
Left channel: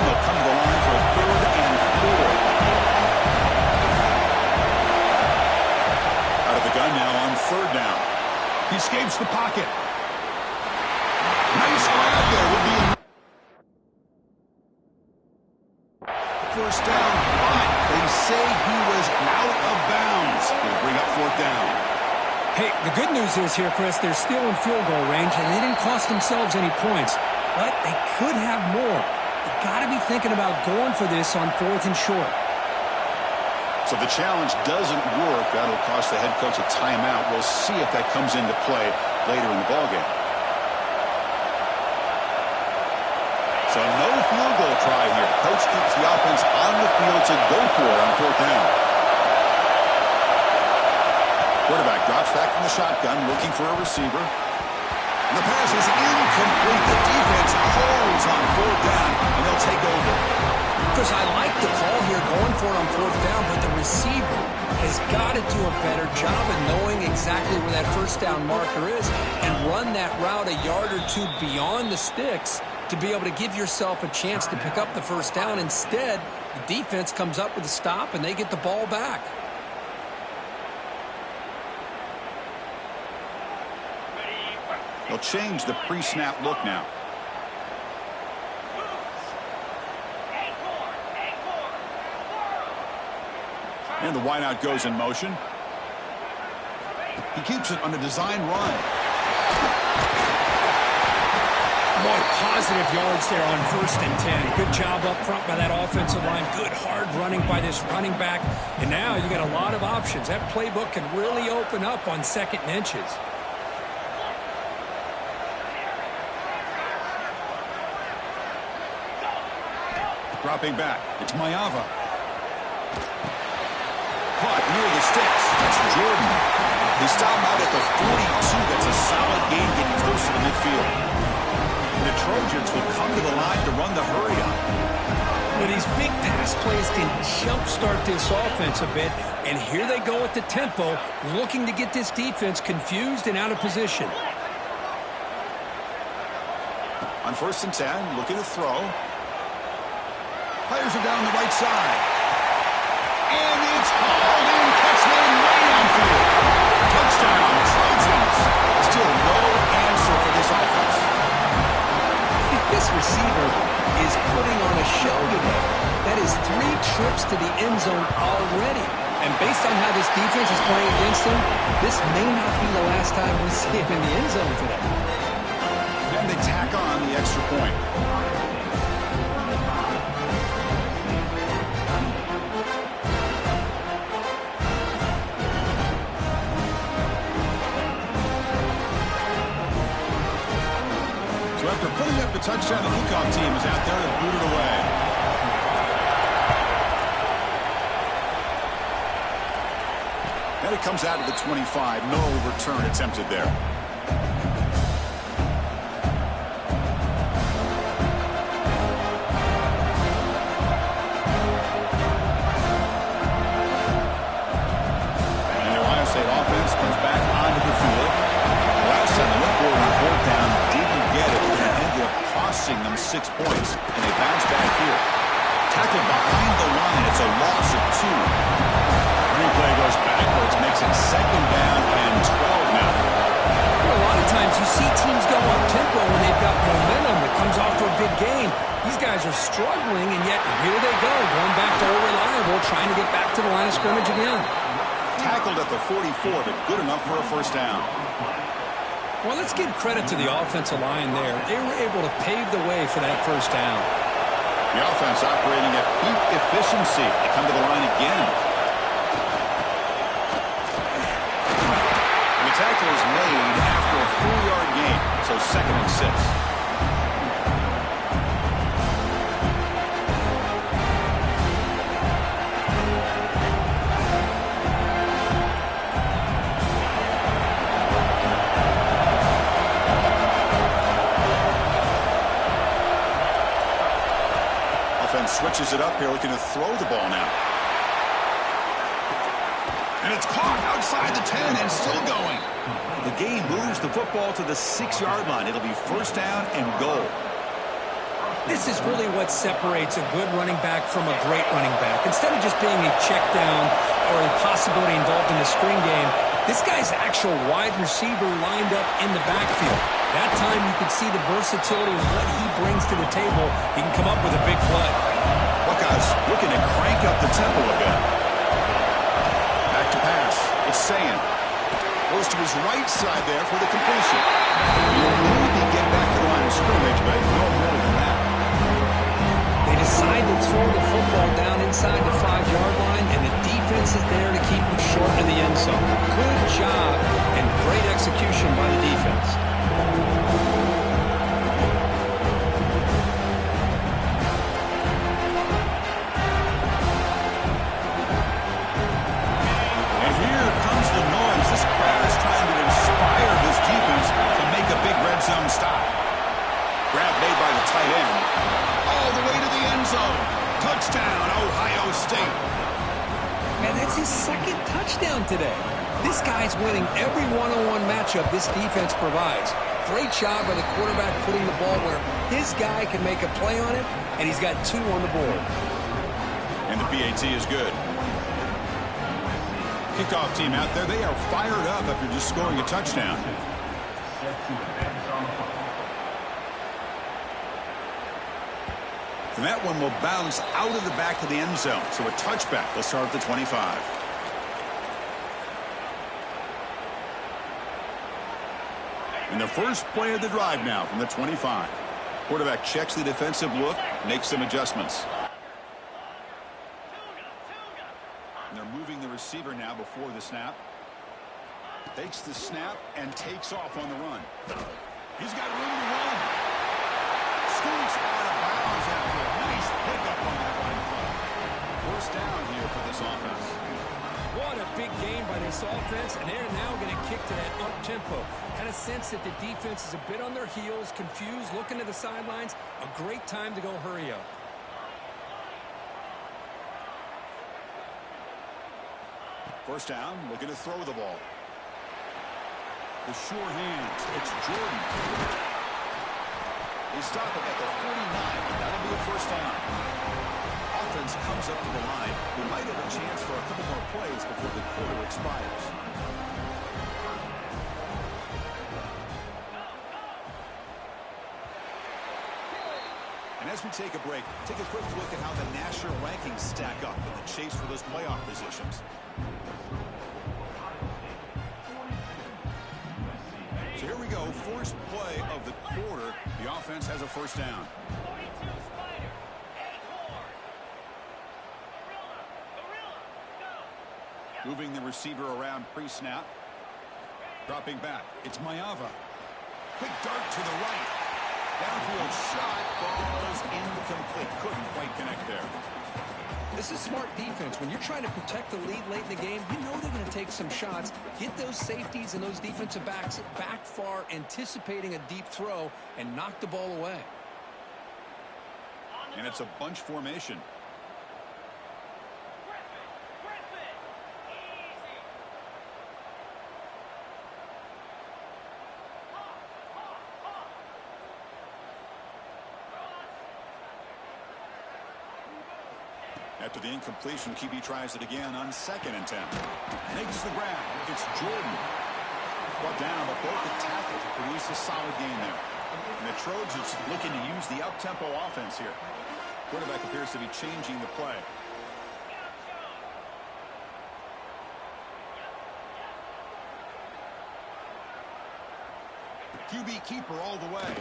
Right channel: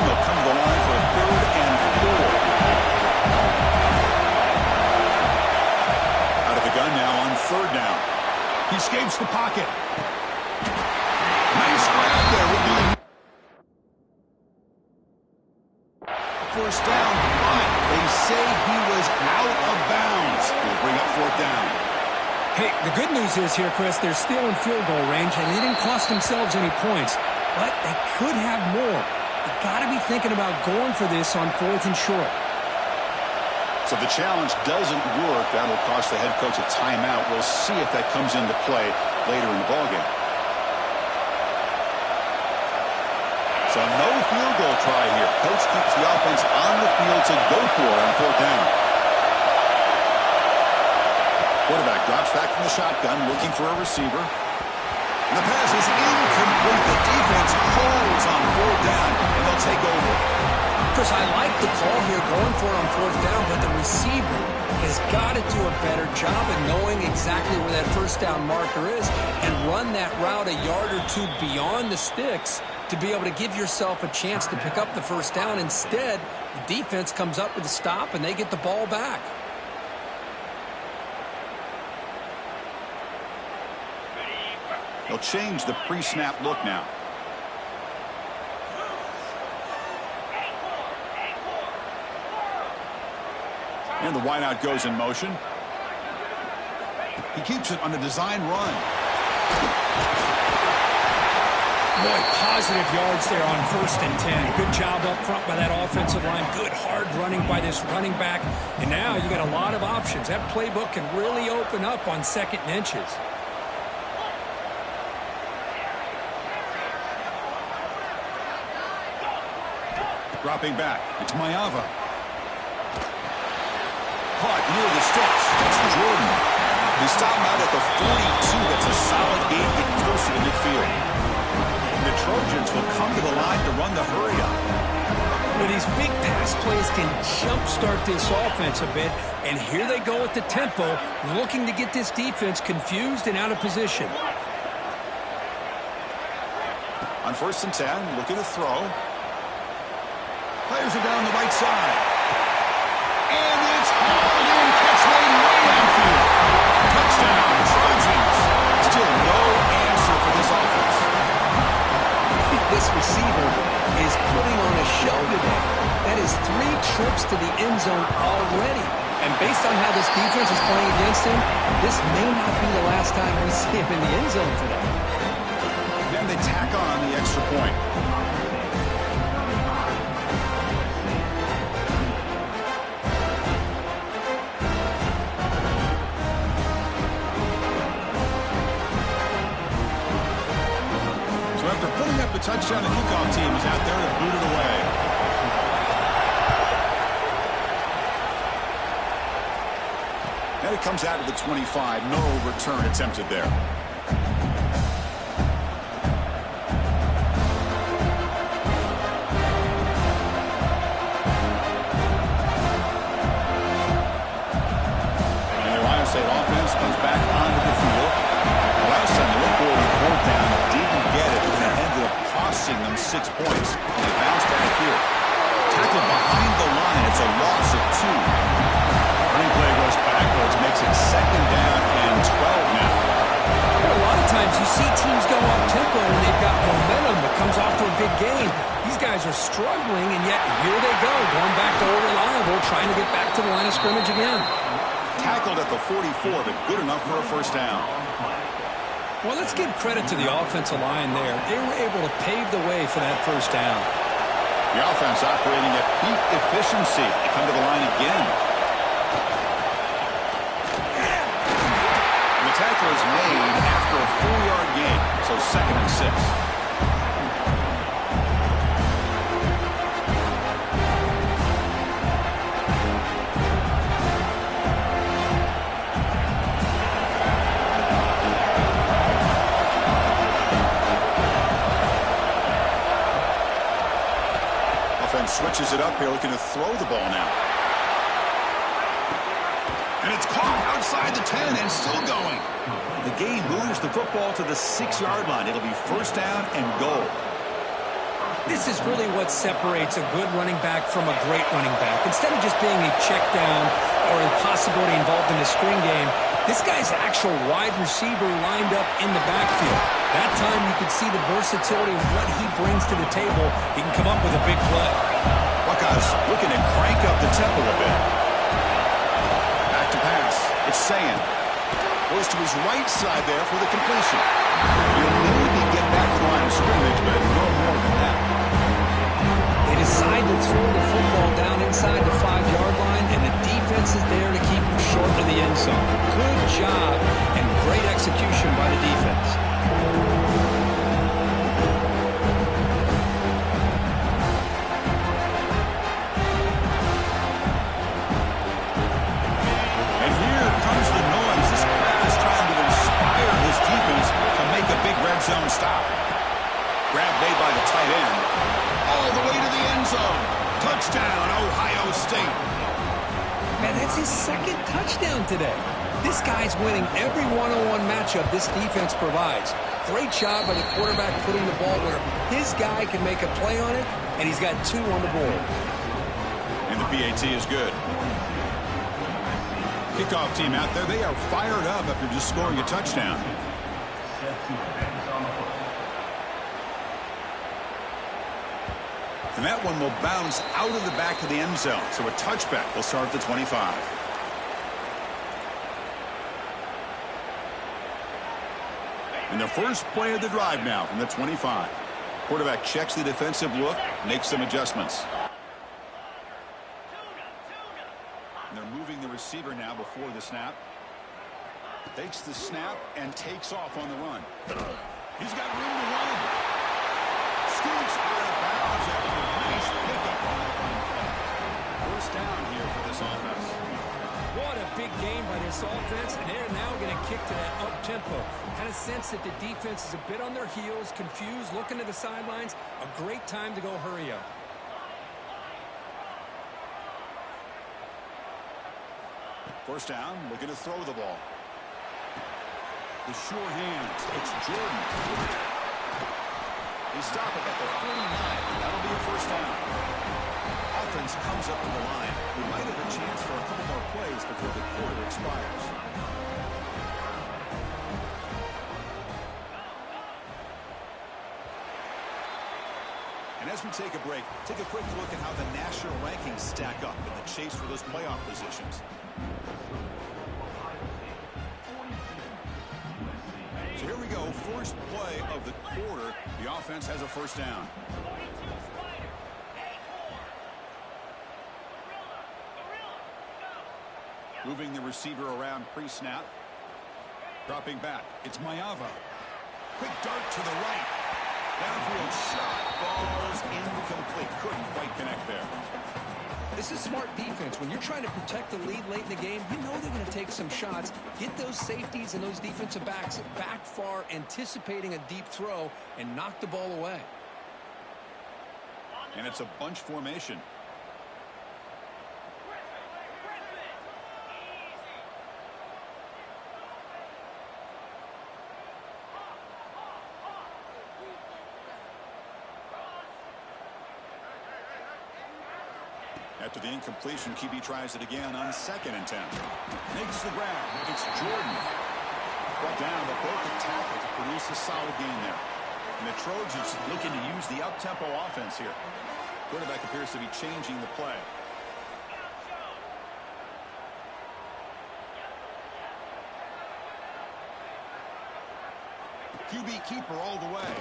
They'll come to the line for a 3rd and 4. Out of the gun now on 3rd down. He escapes the pocket. Nice grab there. Would be first down, but they say he was out of bounds. He'll bring up 4th down. Hey, the good news is here, Chris, they're still in field goal range, and they didn't cost themselves any points, but they could have more. You got to be thinking about going for this on 4th and short. So the challenge doesn't work. That'll cost the head coach a timeout. We'll see if that comes into play later in the ballgame. So no field goal try here. Coach keeps the offense on the field to go for it on 4th down. Quarterback drops back from the shotgun, looking for a receiver. And the pass is incomplete. The defense holds on 4th down, and they'll take over. Chris, I like the call here going for it on 4th down, but the receiver has got to do a better job of knowing exactly where that 1st down marker is and run that route a yard or two beyond the sticks to be able to give yourself a chance to pick up the 1st down. Instead, the defense comes up with a stop, and they get the ball back. They'll change the pre-snap look now. And the wideout goes in motion. He keeps it on a design run. Boy, positive yards there on 1st and 10. Good job up front by that offensive line. Good hard running by this running back. And now you got a lot of options. That playbook can really open up on 2nd and inches. Dropping back. It's Mayava. Caught near the sticks. It's Jordan. They stop him out at the 42. That's a solid gain getting closer to midfield. And the Trojans will come to the line to run the hurry up. Well, these big pass plays can jumpstart this offense a bit. And here they go at the tempo, looking to get this defense confused and out of position. On 1st and 10, looking to throw. Players are down the right side. And it's hauled in. Catch made way downfield. Touchdown, Trojans. Still no answer for this offense. This receiver is putting on a show today. That is 3 trips to the end zone already. And based on how this defense is playing against him, this may not be the last time we see him in the end zone today. Then they tack on the extra point. So after putting up the touchdown, the kickoff team is out there to boot it away. Then it comes out to the 25. No return attempted there. And the Ohio State offense comes back onto the field. Last time they went for it on 4th down, didn't get it, and it ended up costing them 6 points, and they bounce back here. Tackled behind the line. It's a loss of 2. Running play goes backwards, makes it 2nd down and 12 now. Well, a lot of times you see teams go up tempo when they've got momentum that comes off to a big game. These guys are struggling, and yet here they go, going back to old reliable, trying to get back to the line of scrimmage again. Tackled at the 44, but good enough for a 1st down. Well, let's give credit to the offensive line there. They were able to pave the way for that 1st down. The offense operating at peak efficiency. They come to the line again. And the tackle is made after a 4-yard gain, so 2nd and 6. Switches it up here, looking to throw the ball now. And it's caught outside the 10 and still going. The game moves the football to the 6-yard line. It'll be 1st down and goal. This is really what separates a good running back from a great running back. Instead of just being a check down or a possibility involved in a screen game, this guy's actual wide receiver lined up in the backfield. That time you can see the versatility of what he brings to the table. He can come up with a big play. Buckeyes looking to crank up the tempo a bit. Back to pass. It's Sayin. Goes to his right side there for the completion. He'll maybe get back to the line of scrimmage, but no more than that. They decide to throw the football down inside the 5-yard line, and the defense is there to keep him short of the end zone. Good job and great execution by the defense. stop. Grab made by the tight end. All the way to the end zone. Touchdown, Ohio State. Man, that's his second touchdown today. This guy's winning every one-on-one matchup this defense provides. Great job by the quarterback putting the ball where his guy can make a play on it, and he's got 2 on the board. And the PAT is good. Kickoff team out there, they are fired up after just scoring a touchdown. And that one will bounce out of the back of the end zone. So a touchback will start at the 25. And the first play of the drive now from the 25. Quarterback checks the defensive look, makes some adjustments. And they're moving the receiver now before the snap. Takes the snap and takes off on the run. He's got room to run. Scoots out of bounds after a nice pickup on that line play. First down here for this offense. What a big game by this offense, and they're now going to kick to that up-tempo. Kind of sense that the defense is a bit on their heels, confused, looking to the sidelines. A great time to go hurry up. First down, looking to throw the ball. The sure hands, it's Jordan. They stop it at the 49, but that'll be a first down. Offense comes up to the line. We might have a chance for a couple more plays before the quarter expires. And as we take a break, take a quick look at how the national rankings stack up in the chase for those playoff positions. So here we go, first play of the quarter. The offense has a first down. Moving the receiver around pre-snap. Dropping back. It's Maiava. Quick dart to the right. Downfield shot falls incomplete. Couldn't quite connect there. This is smart defense. When you're trying to protect the lead late in the game, you know they're going to take some shots. Get those safeties and those defensive backs back far, anticipating a deep throw, and knock the ball away. And it's a bunch formation. After the incompletion, QB tries it again on 2nd and 10. Makes the grab. It's Jordan. Brought down, but broke the tackle to produce a solid gain there. And the Trojans looking to use the up-tempo offense here. Quarterback appears to be changing the play. QB keeper all the way.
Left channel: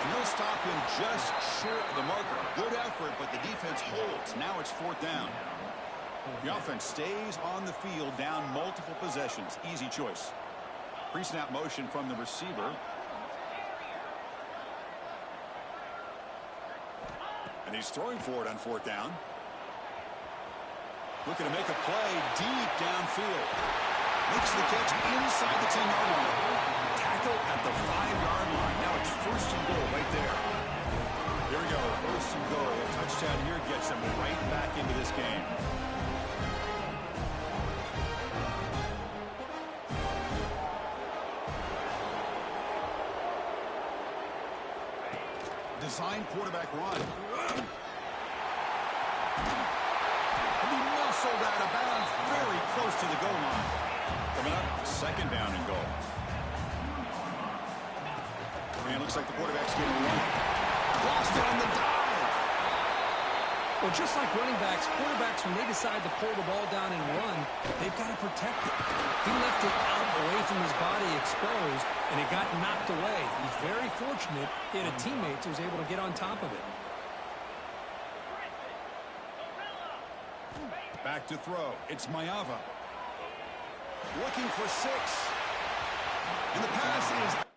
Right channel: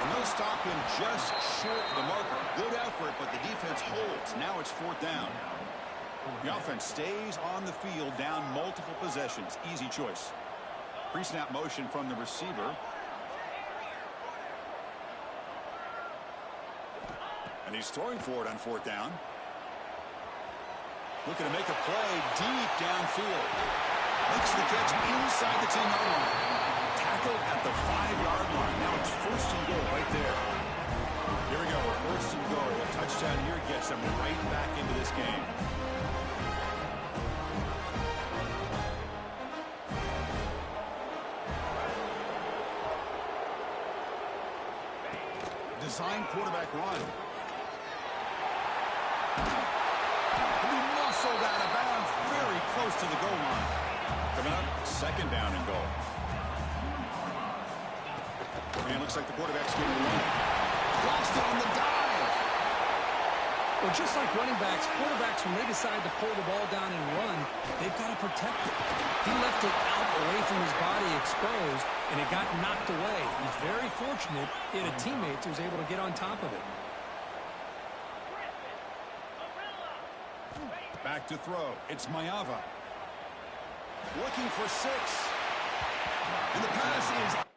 And they'll stop him just short of the marker. Good effort, but the defense holds. Now it's 4th down. The offense stays on the field, down multiple possessions. Easy choice. Pre-snap motion from the receiver. And he's throwing for it on 4th down. Looking to make a play deep downfield. Makes the catch inside the 10-yard line. Tackle at the 5-yard line. Now it's 1st and goal right there. Here we go, 1st and goal. A touchdown here gets them right back into this game. Design quarterback run. And he muscled out of bounds very close to the goal line. Coming up, 2nd down and goal. And looks like the quarterback's getting one. Lost it on the dive. Well, just like running backs, quarterbacks, when they decide to pull the ball down and run, they've got to protect it. He left it out away from his body exposed, and it got knocked away. He's very fortunate he had a teammate who was able to get on top of it. Back to throw. It's Maiava. Looking for 6. And the pass is